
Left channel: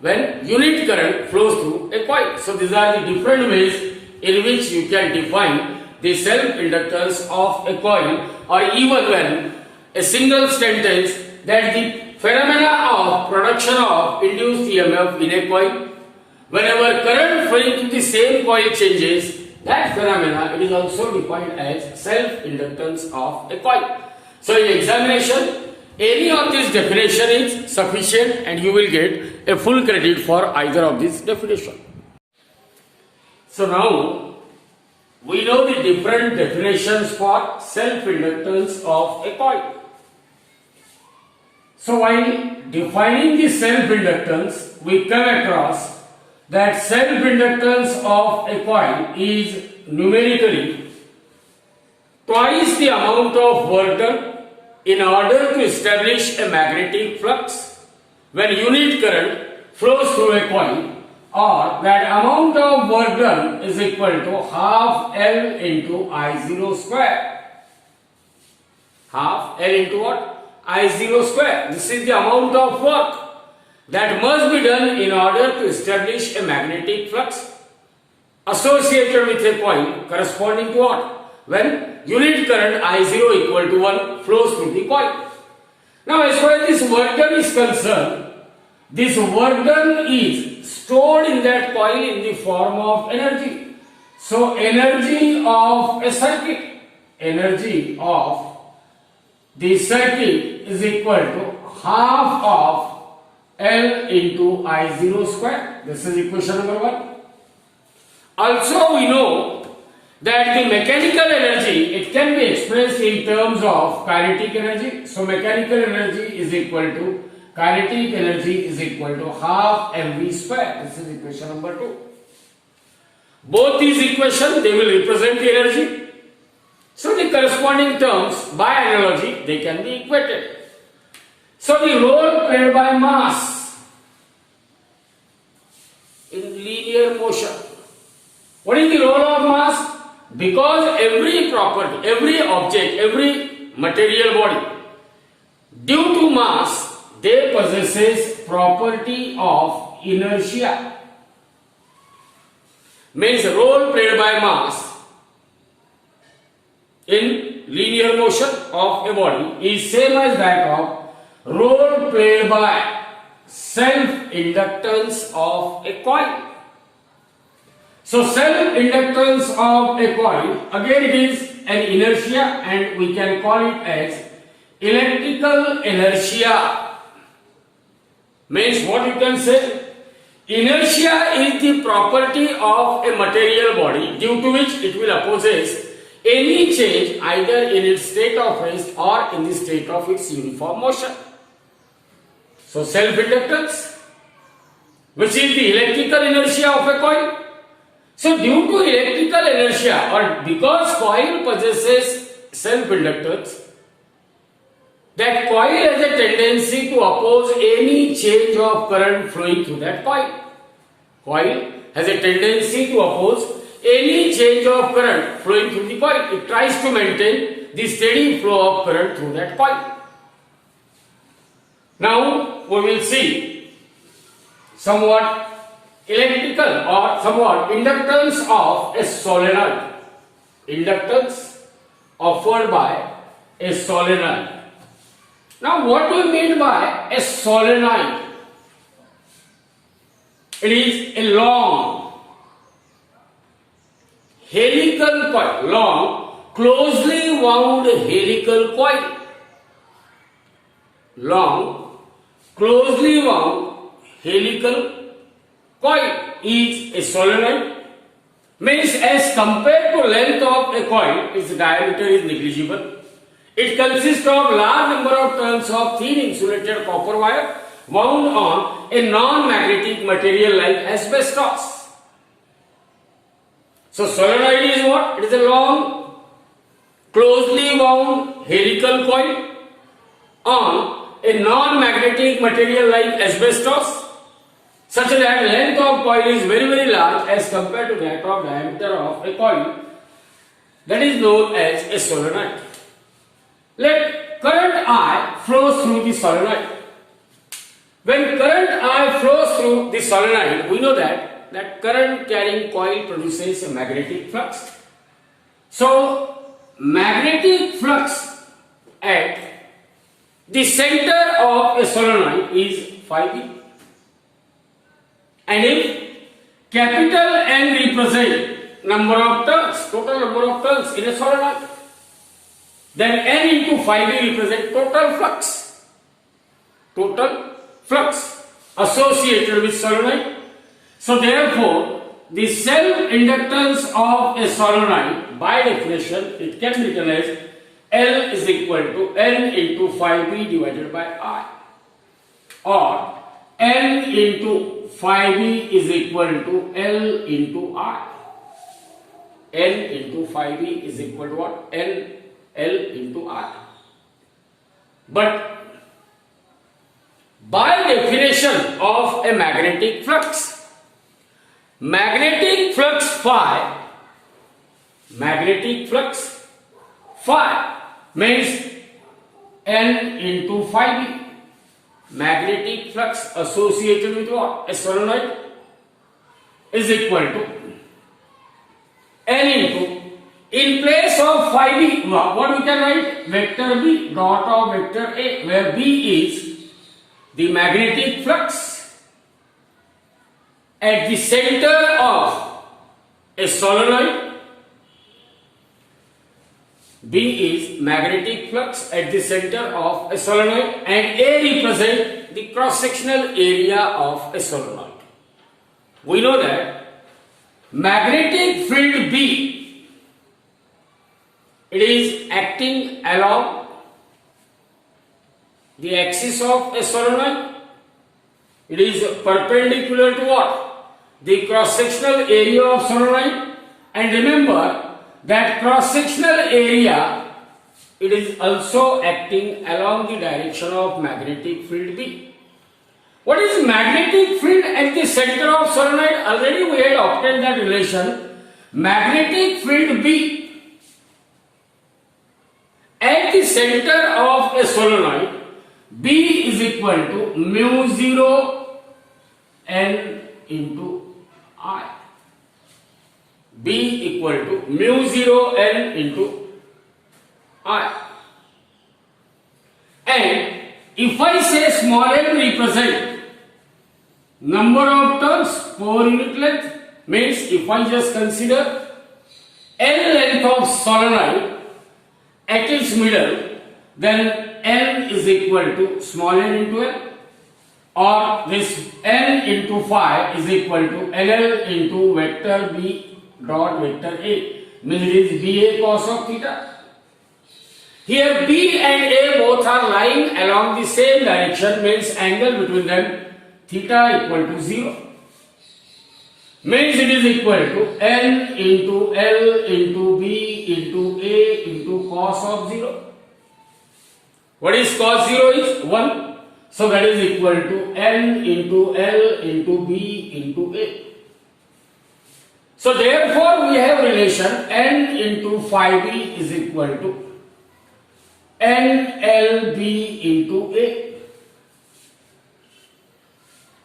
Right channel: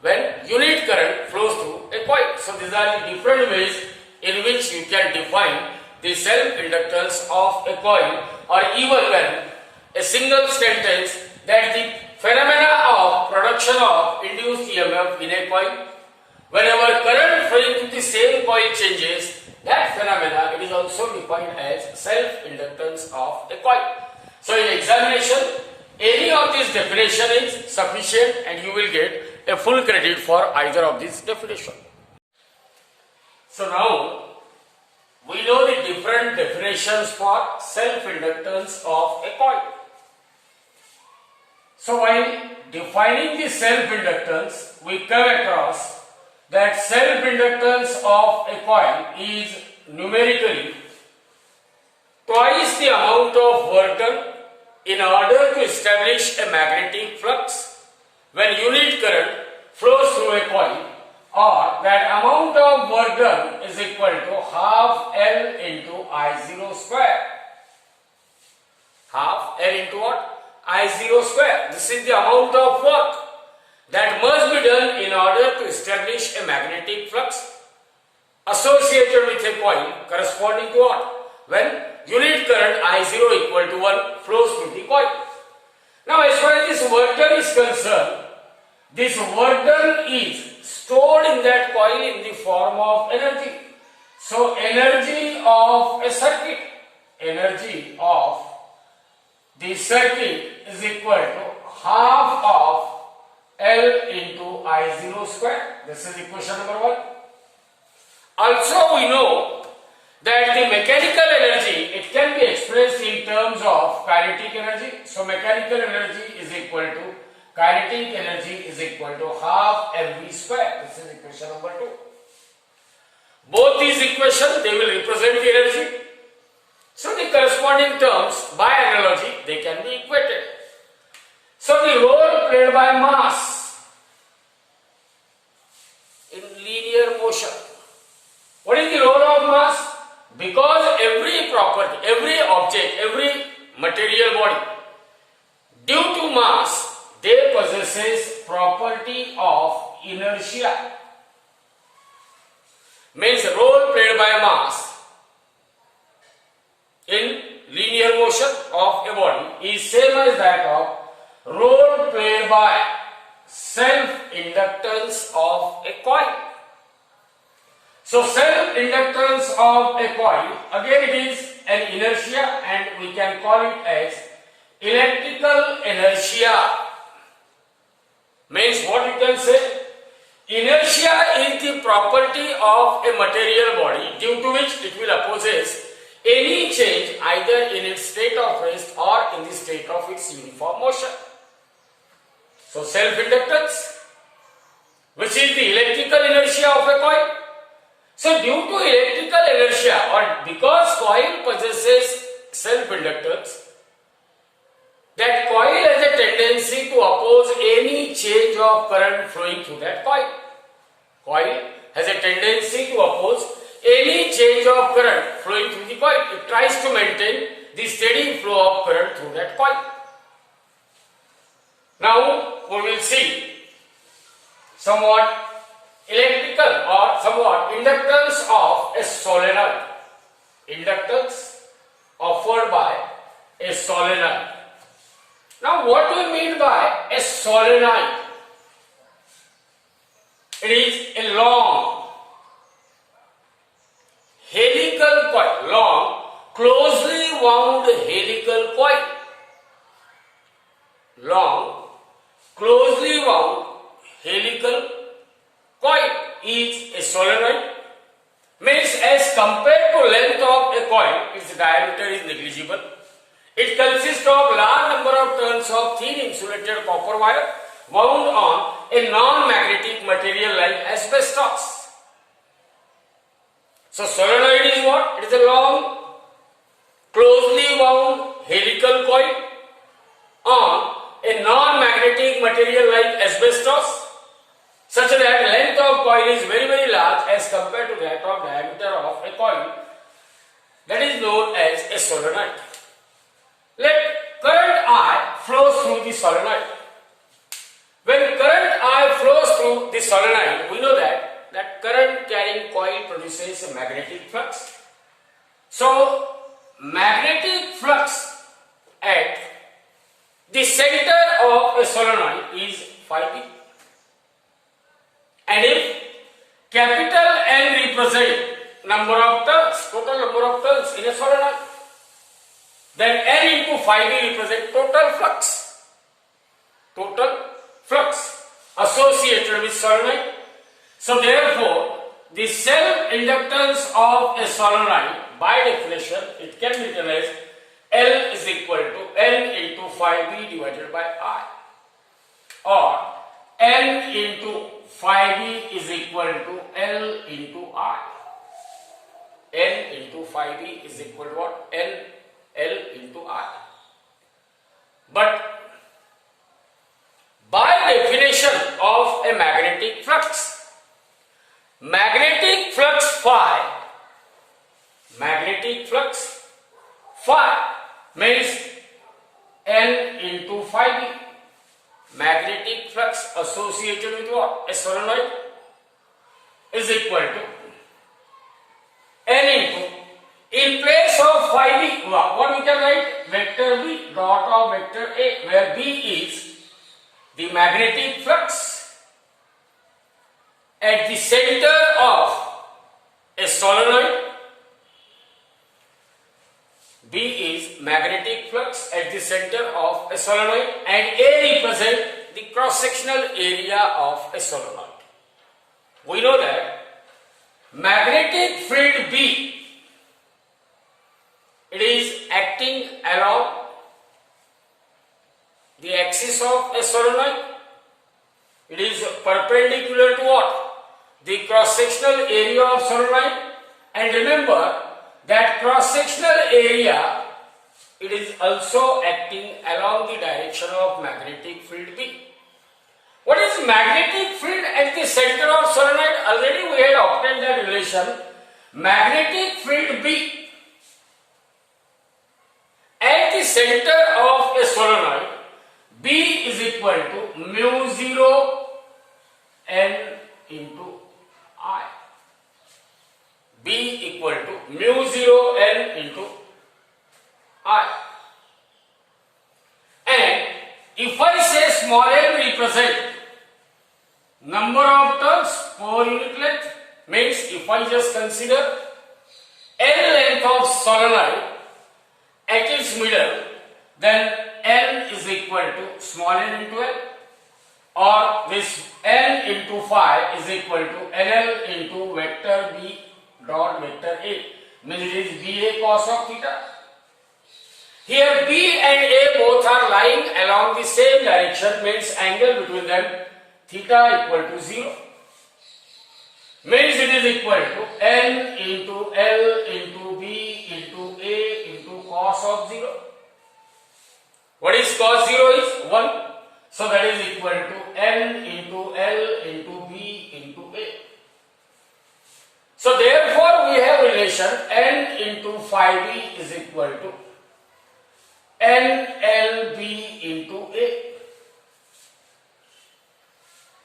when unit current flows through a coil. So these are the different ways in which you can define the self-inductance of a coil, or even when a single sentence that the phenomena of production of induced EMF in a coil, whenever current flowing through the same coil changes, that phenomena, it is also defined as self-inductance of a coil. So in examination, any of these definition is sufficient and you will get a full credit for either of these definition. So now, we know the different definitions for self-inductance of a coil. So while defining the self-inductance, we come across that self-inductance of a coil is numerically twice the amount of work done in order to establish a magnetic flux when unit current flows through a coil, or that amount of work done is equal to half L into I0 square. Half L into what? I0 square. This is the amount of work that must be done in order to establish a magnetic flux associated with a coil corresponding to what? When unit current I0 equal to 1 flows through the coil. Now as far as this work done is concerned, this work done is stored in that coil in the form of energy. So energy of a circuit, energy of the circuit is equal to half of L into I0 square. This is equation number 1. Also we know that the mechanical energy, it can be expressed in terms of kinetic energy. So mechanical energy is equal to kinetic energy is equal to half mv square. This is equation number 2. Both these equations, they will represent the energy. So the corresponding terms, by analogy, they can be equated. So the role played by mass in linear motion. What is the role of mass? Because every property, every object, every material body, due to mass, they possesses property of inertia. Means role played by mass in linear motion of a body is same as that of role played by self-inductance of a coil. So self-inductance of a coil, again it is an inertia and we can call it as electrical inertia. Means what you can say? Inertia is the property of a material body due to which it will possess any change either in its state of rest or in the state of its uniform motion. So self-inductance, which is the electrical inertia of a coil. So due to electrical inertia, or because coil possesses self-inductance, that coil has a tendency to oppose any change of current flowing through that coil. Coil has a tendency to oppose any change of current flowing through the coil. It tries to maintain the steady flow of current through that coil. Now we will see somewhat electrical or somewhat inductance of a solenoid. Inductance offered by a solenoid. Now what do we mean by a solenoid? It is a long helical coil, long closely wound helical coil. Long closely wound helical coil is a solenoid. Means as compared to length of a coil, its diameter is negligible. It consists of large number of turns of thin insulated copper wire wound on a non-magnetic material like asbestos. So solenoid is what? It is a long, closely wound helical coil on a non-magnetic material like asbestos, such that length of coil is very, very large as compared to that of diameter of a coil. That is known as a solenoid. Let current I flows through the solenoid. When current I flows through the solenoid, we know that current carrying coil produces a magnetic flux. So magnetic flux at the center of a solenoid is phi b. And if capital N represent number of turns, total number of turns in a solenoid, then N into phi b represent total flux. Total flux associated with solenoid. So therefore, the self-inductance of a solenoid, by definition, it can be written as L is equal to N into phi b divided by I, or N into phi b is equal to L into I. N into phi b is equal to what? L into I. But by definition of a magnetic flux phi means N into phi b. Magnetic flux associated with what? A solenoid is equal to N into, in place of phi b, what we can write? Vector b dot of vector a, where b is the magnetic flux at the center of a solenoid. B is magnetic flux at the center of a solenoid, and A represents the cross-sectional area of a solenoid. We know that magnetic field B, it is acting along the axis of a solenoid. It is perpendicular to what? The cross-sectional area of solenoid. And remember that cross-sectional area, it is also acting along the direction of magnetic field B. What is magnetic field at the center of solenoid? Already we had obtained that relation. Magnetic field B at the center of a solenoid, B is equal to mu 0 N into I. B equal to mu 0 N into I. And if I say small m represent number of turns per unit length, means if I just consider N length of solenoid at its middle, then N is equal to small n into L, or this N into phi is equal to LL into vector B dot vector A, means it is BA cos of theta. Here B and A both are lying along the same direction, means angle between them theta equal to 0. Means it is equal to N into L into B into A into into cos of 0. What is cos 0 is 1. So that is equal to n into L into B into A. So therefore we have relation n into phi b is equal to NLB into A.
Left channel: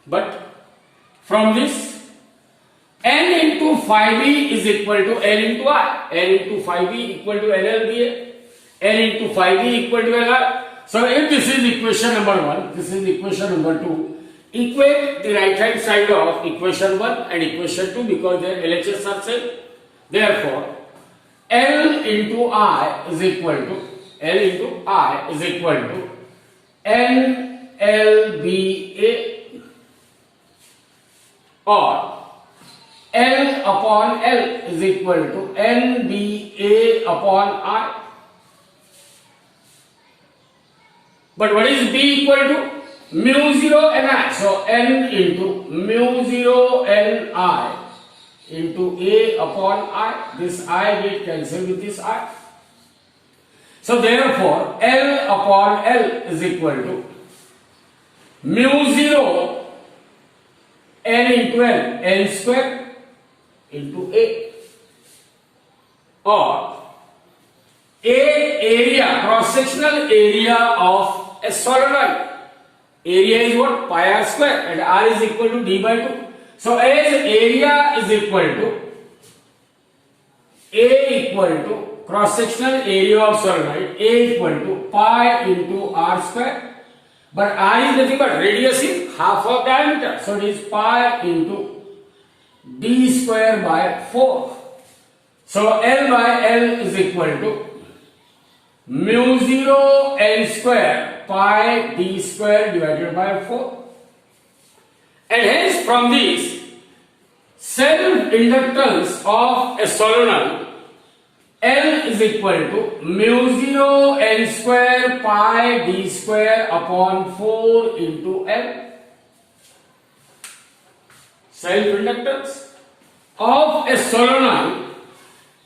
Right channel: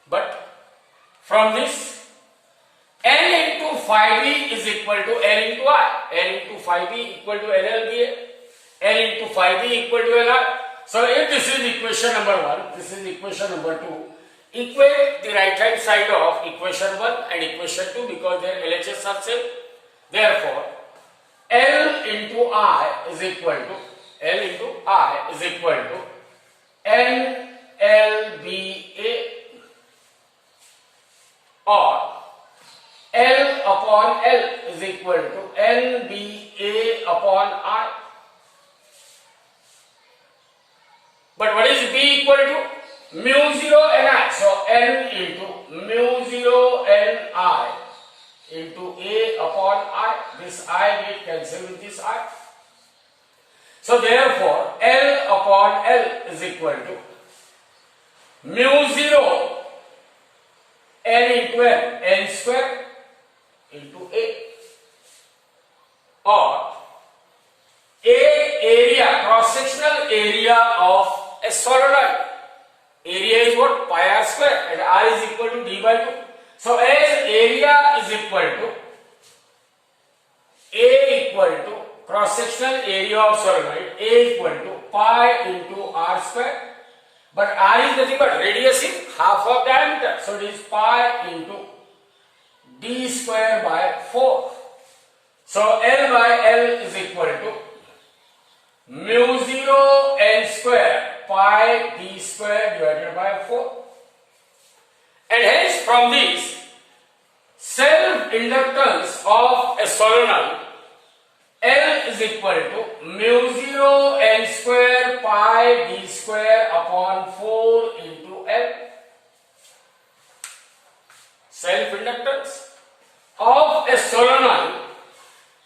But from this, n into phi b is equal to n into I. n into phi b equal to NLBA. n into phi b equal to NI. So if this is equation number 1, this is equation number 2, equate the right hand side of equation 1 and equation 2 because their LHS are same. Therefore, L into I is equal to NLBA or L upon L is equal to NBA upon I. But what is B equal to? Mu 0 Ni. So N into mu 0 Ni into A upon I. This I get cancelled with this I. So therefore L upon L is equal to mu 0 N into N, N square into A, or A area, cross-sectional area of a solenoid. Area is what? Pi r square, and R is equal to D by 2. So as area is equal to A equal to cross-sectional area of solenoid, A equal to pi into R square. But R is nothing but radius is half of diameter. So it is pi into D square by 4. So L by L is equal to mu 0 N square pi D square divided by 4. And hence from this, self-inductance of a solenoid L is equal to mu 0 N square pi D square upon 4 into L. Self-inductance of a solenoid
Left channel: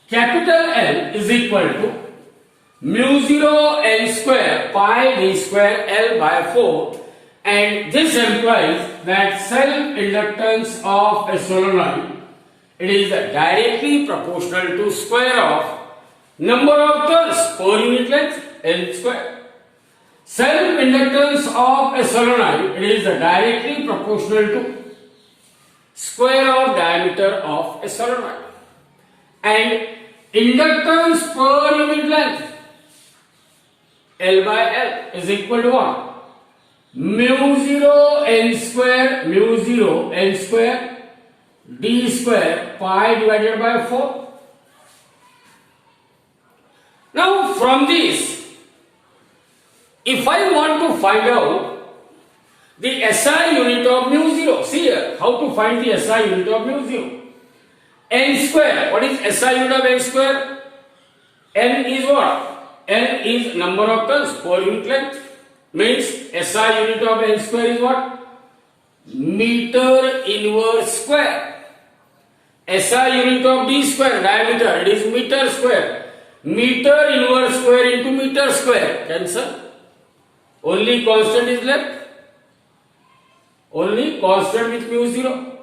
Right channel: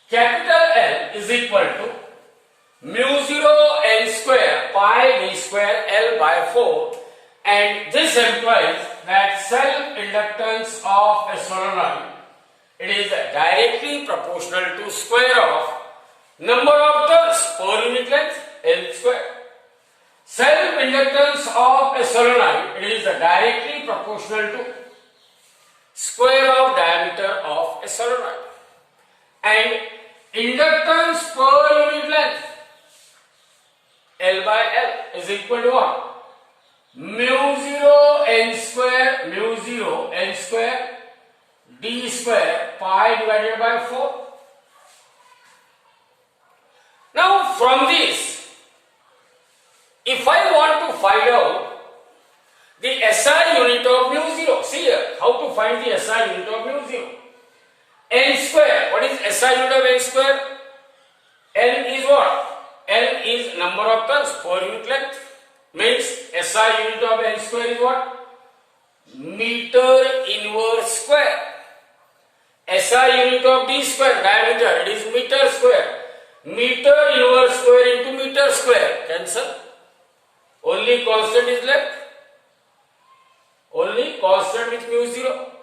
capital L is equal to mu 0 N square pi D square L by 4, and this implies that self-inductance of a solenoid, it is directly proportional to square of number of turns per unit length, L square. Self-inductance of a solenoid, it is directly proportional to square of diameter of a solenoid. And inductance per unit length, L by L, is equal to what? Mu 0 N square D square pi divided by 4. Now from this, if I want to find out the SI unit of mu 0, see here, how to find the SI unit of mu 0. N square, what is SI unit of N square? N is what? N is number of turns per unit length. Means SI unit of N square is what? Meter inverse square. SI unit of D square, diameter, it is meter square. Meter inverse square into meter square, cancel. Only constant is left. Only constant with mu 0.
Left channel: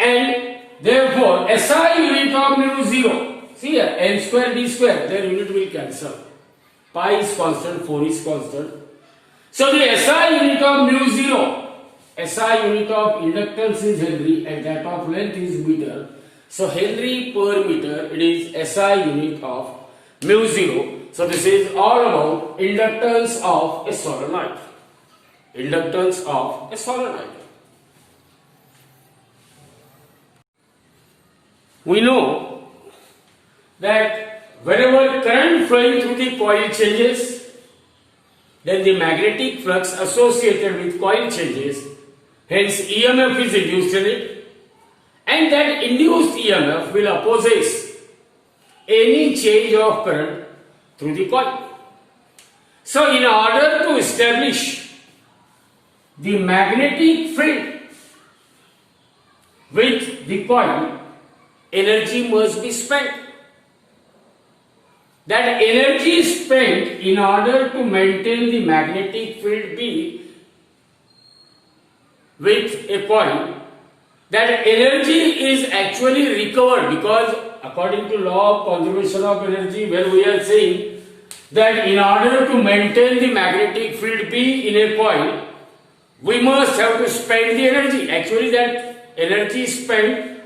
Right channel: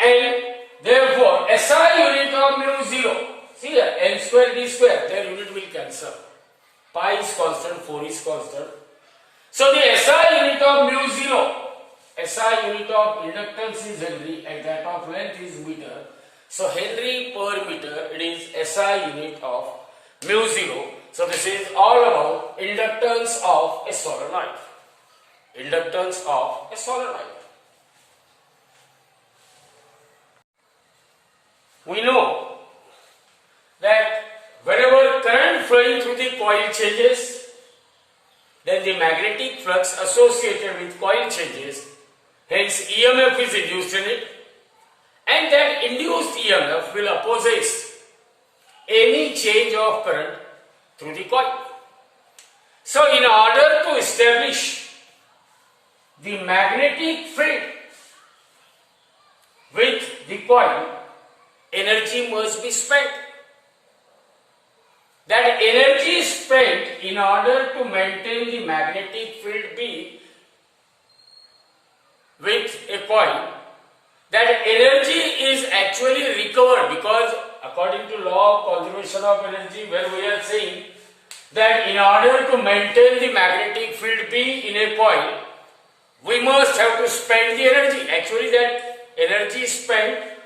And therefore, SI unit of mu 0, see here, N square D square, their unit will cancel. Pi is constant, 4 is constant. So the SI unit of mu 0, SI unit of inductance is Henry and that of length is meter. So Henry per meter, it is SI unit of mu 0. So this is all about inductance of a solenoid. Inductance of a solenoid. We know that whenever current flowing through the coil changes, then the magnetic flux associated with coil changes, hence EMF is induced in it, and that induced EMF will oppose any change of current through the coil. So in order to establish the magnetic field with the coil, energy must be spent. that energy spent in order to maintain the magnetic field B with a coil, that energy is actually recovered, because according to law of conservation of energy, where we are saying that in order to maintain the magnetic field B in a coil, we must have to spend the energy. Actually, that energy spent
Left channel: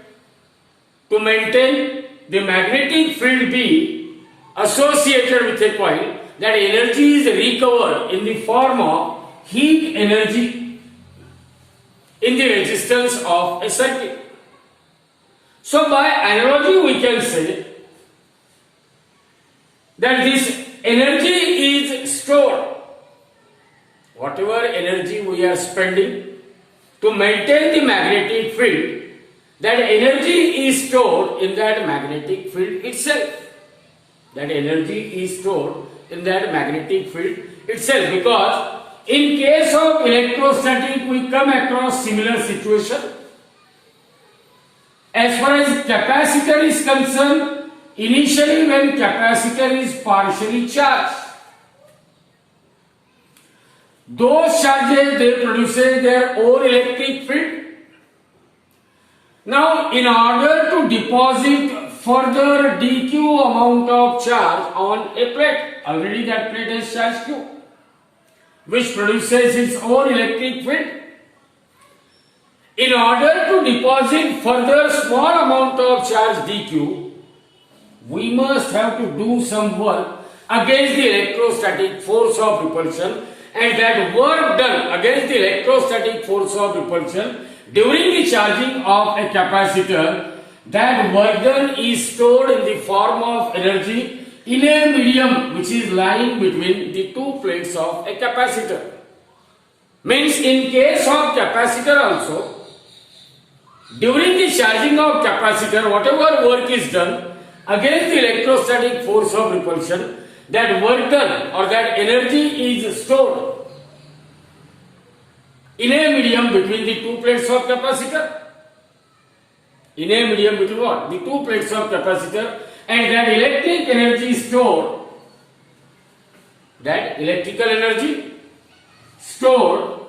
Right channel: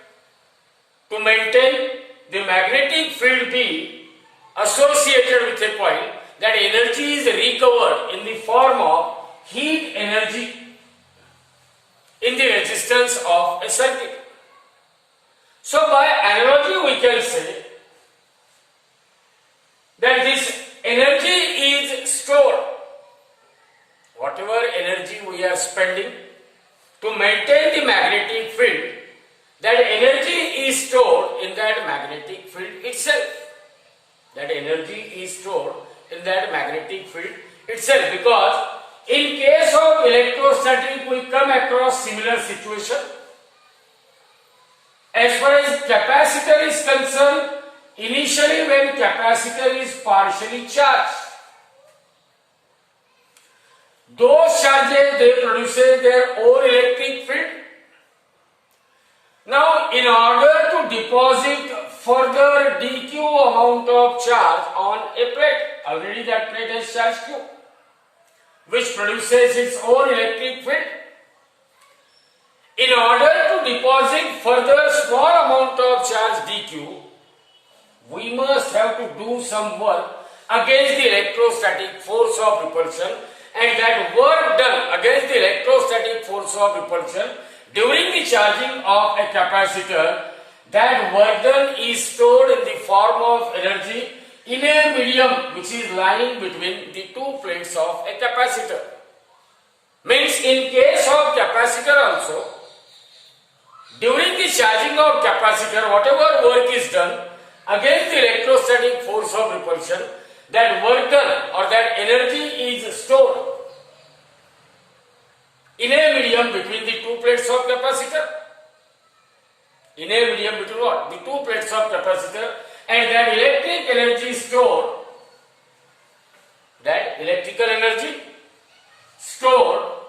to maintain the magnetic field B associated with a coil, that energy is recovered in the form of heat energy in the resistance of a circuit. So by analogy we can say that this energy is stored. Whatever energy we are spending to maintain the magnetic field, that energy is stored in that magnetic field itself. That energy is stored in that magnetic field itself, because in case of electrostatic we come across similar situation. As far as capacitor is concerned, initially when capacitor is partially charged, those charges, they produce their own electric field. Now, in order to deposit further dq amount of charge on a plate, already that plate has charge q, which produces its own electric field. In order to deposit further small amount of charge dq, we must have to do some work against the electrostatic force of repulsion, and that work done against the electrostatic force of repulsion during the charging of a capacitor, that work done is stored in the form of energy in a medium which is lying between the two plates of a capacitor. Means in case of capacitor also, during the charging of capacitor, whatever work is done against the electrostatic force of repulsion, that work done or that energy is stored in a medium between the two plates of capacitor. In a medium between what? The two plates of capacitor, and that electric energy stored, that electrical energy stored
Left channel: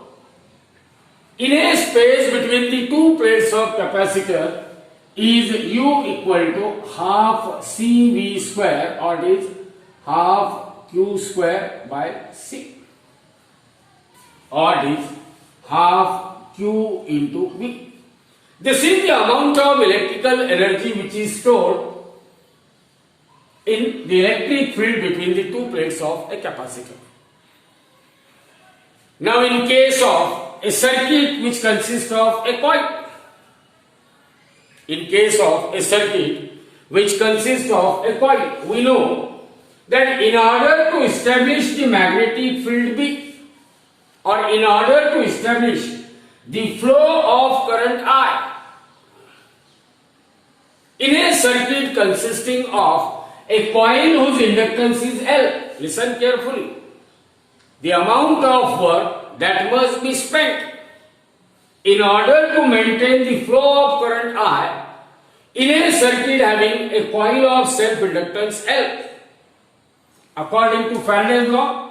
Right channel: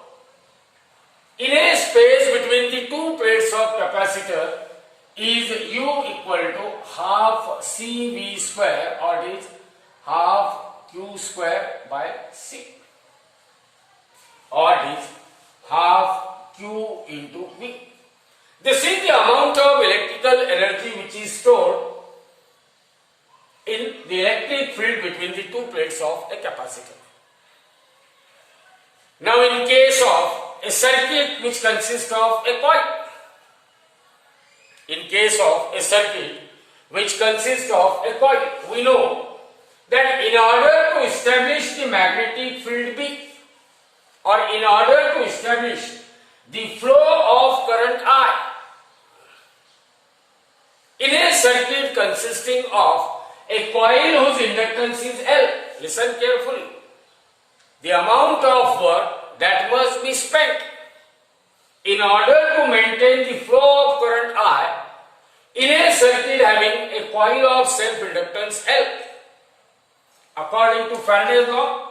in a space between the two plates of capacitor is U equal to half CV square, or it is half Q square by C, or it is half Q into V. This is the amount of electrical energy which is stored in the electric field between the two plates of a capacitor. Now, in case of a circuit which consists of a coil, in case of a circuit which consists of a coil, we know that in order to establish the magnetic field B, or in order to establish the flow of current I in a circuit consisting of a coil whose inductance is L, listen carefully, the amount of work that must be spent in order to maintain the flow of current I in a circuit having a coil of self-inductance L. According to Faraday's law,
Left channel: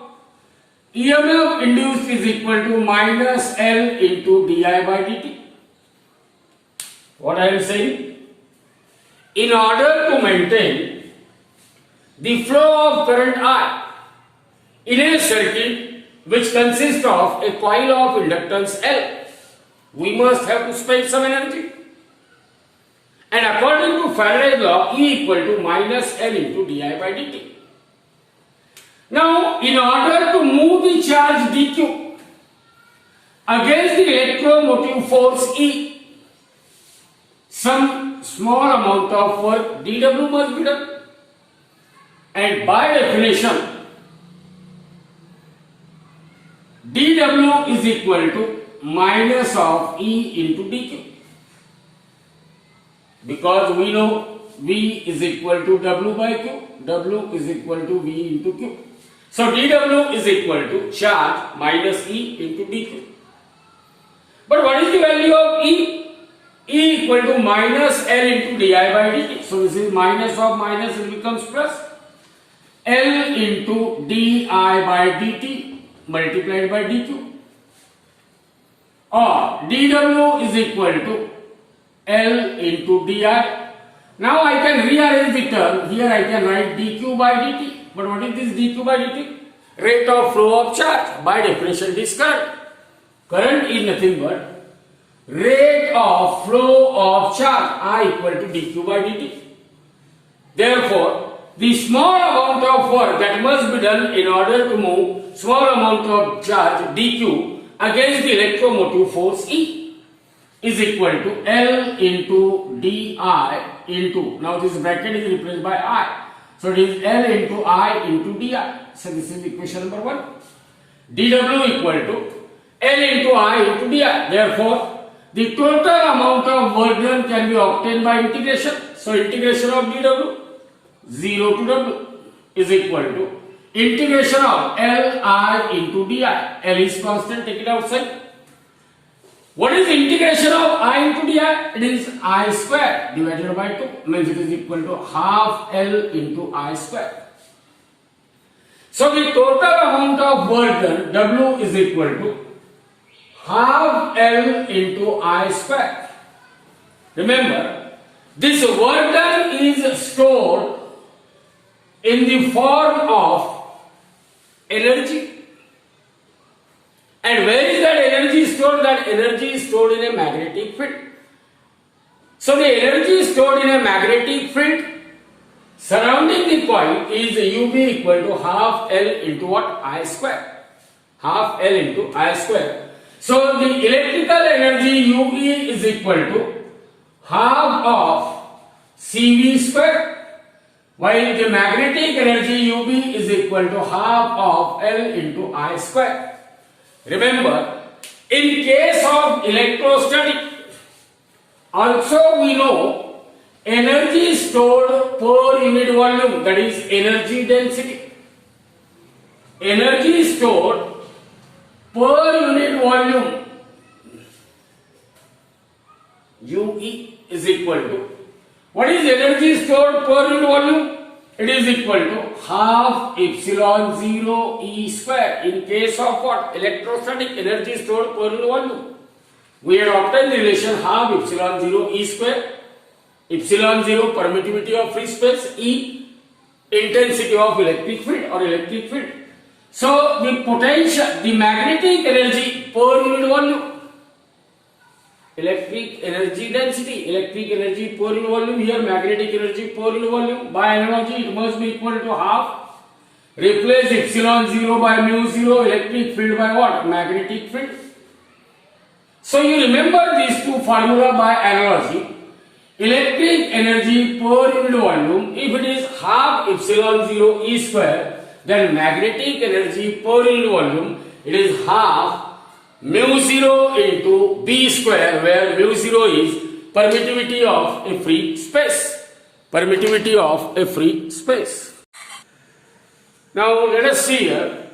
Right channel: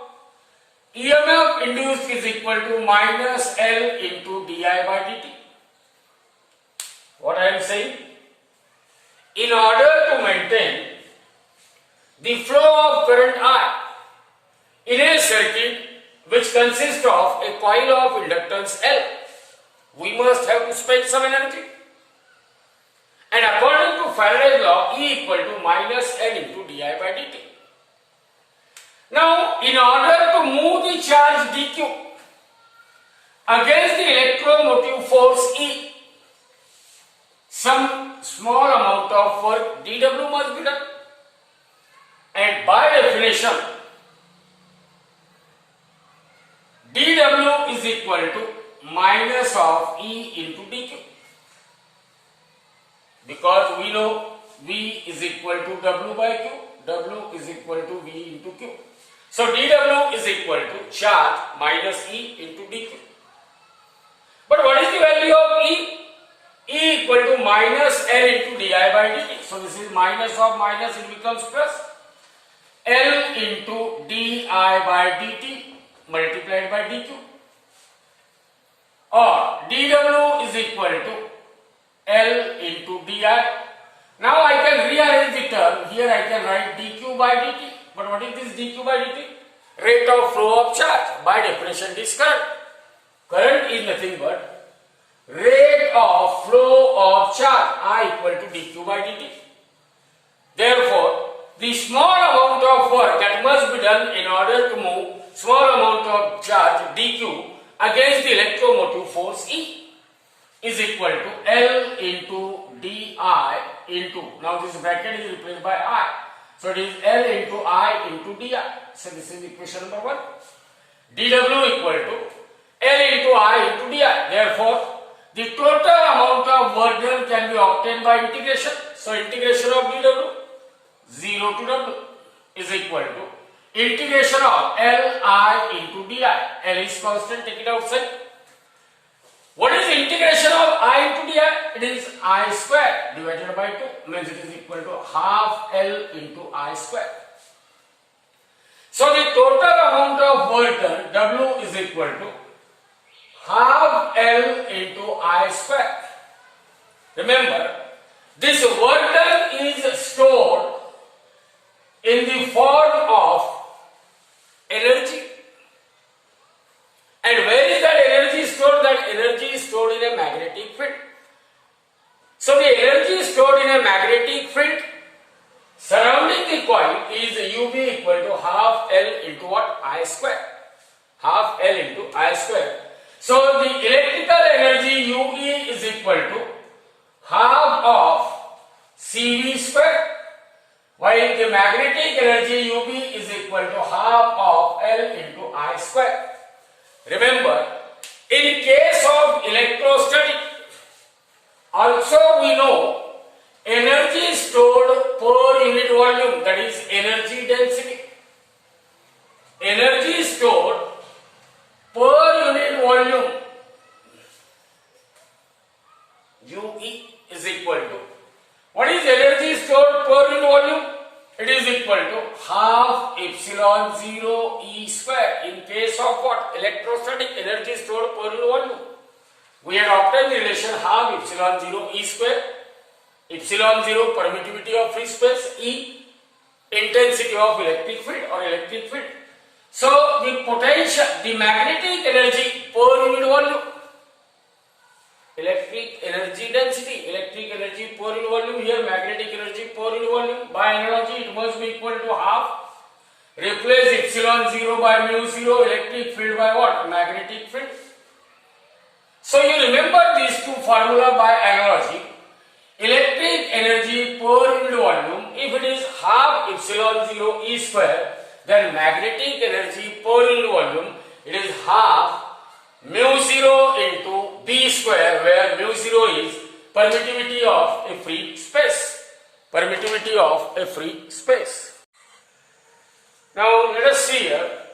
EMF induced is equal to minus L into di by dt. What I am saying? In order to maintain the flow of current I in a circuit which consists of a coil of inductance L, we must have to spend some energy. And according to Faraday's law, E equal to minus L into di by dt. Now, in order to move the charge dq against the electromotive force E, some small amount of work dw must be done. And by definition, dw is equal to minus of E into dq. Because we know V is equal to W by Q, W is equal to V into Q. So dw is equal to charge minus E into dq. But what is the value of E? E equal to minus L into di by dt. So this is minus of minus, it becomes plus. L into di by dt multiplied by dq, or dw is equal to L into di. Now I can rearrange the term. Here I can write dq by dt. But what is this dq by dt? Rate of flow of charge. By definition, it is current. Current is nothing but rate of flow of charge, I equal to dq by dt. Therefore, the small amount of work that must be done in order to move small amount of charge dq against the electromotive force E is equal to L into di into, now this bracket is replaced by I. So it is L into I into di. So this is equation number 1. dw equal to L into I into di. Therefore, the total amount of work done can be obtained by integration. So integration of dw 0 to w is equal to integration of Li into di. L is constant, take it outside. What is integration of I into di? It is I square divided by 2, means it is equal to half L into I square. So the total amount of work done, W, is equal to half L into I square. Remember, this work done is stored in the form of energy. And where is that energy stored? That energy is stored in a magnetic field. So the energy stored in a magnetic field surrounding the coil is UV equal to half L into what? I square. Half L into I square. So the electrical energy UE is equal to half of CV square, while the magnetic energy UB is equal to half of L into I square. Remember, in case of electrostatic, also we know energy stored per unit volume, that is energy density. Energy stored per unit volume, UE is equal to, what is energy stored per unit volume? It is equal to half epsilon 0 E square. In case of what? Electrostatic, energy stored per unit volume. We had obtained the relation half epsilon 0 E square. Epsilon 0 permittivity of free space, E intensity of electric field or electric field. So the potential, the magnetic energy per unit volume, electric energy density, electric energy per unit volume, here magnetic energy per unit volume. By analogy, it must be equal to half. Replace epsilon 0 by mu 0, electric field by what? Magnetic field. So you remember these two formula by analogy. Electric energy per unit volume, if it is half epsilon 0 E square, then magnetic energy per unit volume, it is half mu 0 into B square, where mu 0 is permittivity of a free space. Permittivity of a free space. Now let us see here,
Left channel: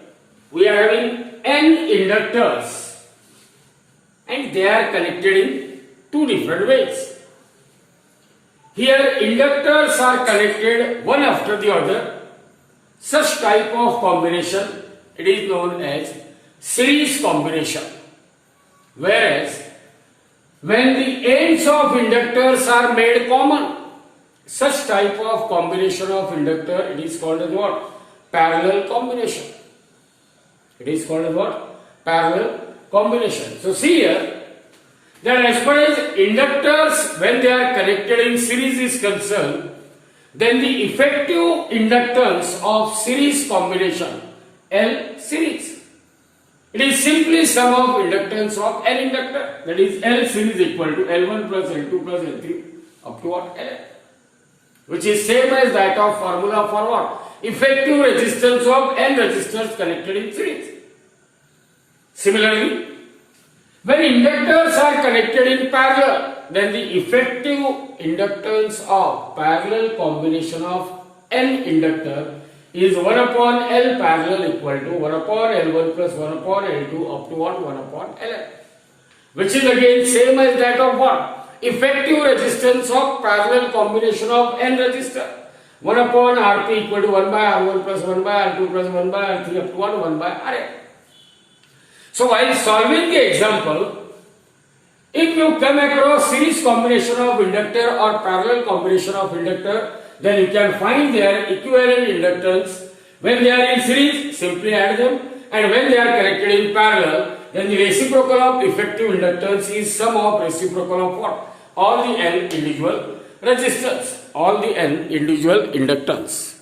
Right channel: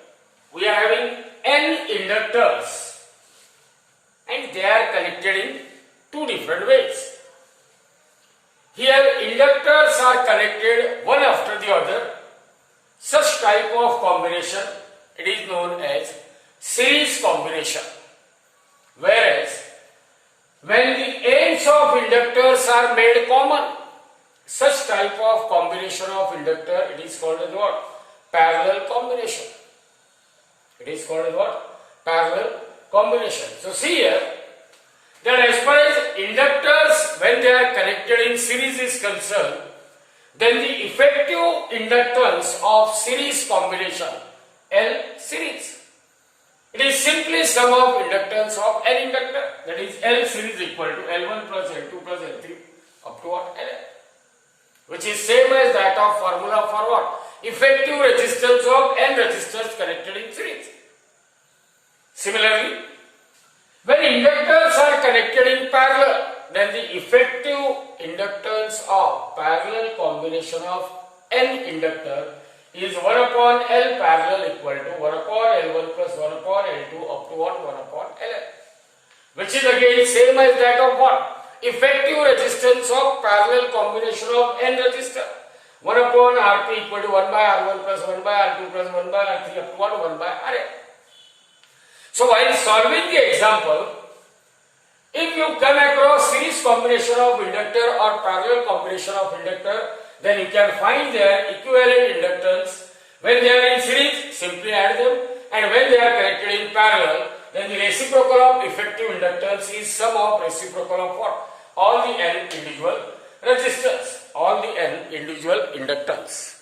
we are having N inductors and they are connected in two different ways. Here inductors are connected one after the other. Such type of combination, it is known as series combination. Whereas, when the ends of inductors are made common, such type of combination of inductor, it is called as what? Parallel combination. It is called as what? Parallel combination. So see here, that as far as inductors, when they are connected in series is concerned, then the effective inductance of series combination, L series, it is simply sum of inductance of N inductor, that is L series equal to L1 plus L2 plus L3 up to what? L, which is same as that of formula for what? Effective resistance of N resistors connected in series. Similarly, when inductors are connected in parallel, then the effective inductance of parallel combination of N inductor is 1 upon L parallel equal to 1 upon L1 plus 1 upon L2 up to what? 1 upon LN, which is again same as that of what? Effective resistance of parallel combination of N resistor. 1 upon Rp equal to 1 by R1 plus 1 by R2 plus 1 by R3 up to 1 by Rn. So while solving the example, if you come across series combination of inductor or parallel combination of inductor, then you can find their equivalent inductance. When they are in series, simply add them, and when they are connected in parallel, then the reciprocal of effective inductance is sum of reciprocal of what? All the n individual resistors, all the n individual inductance.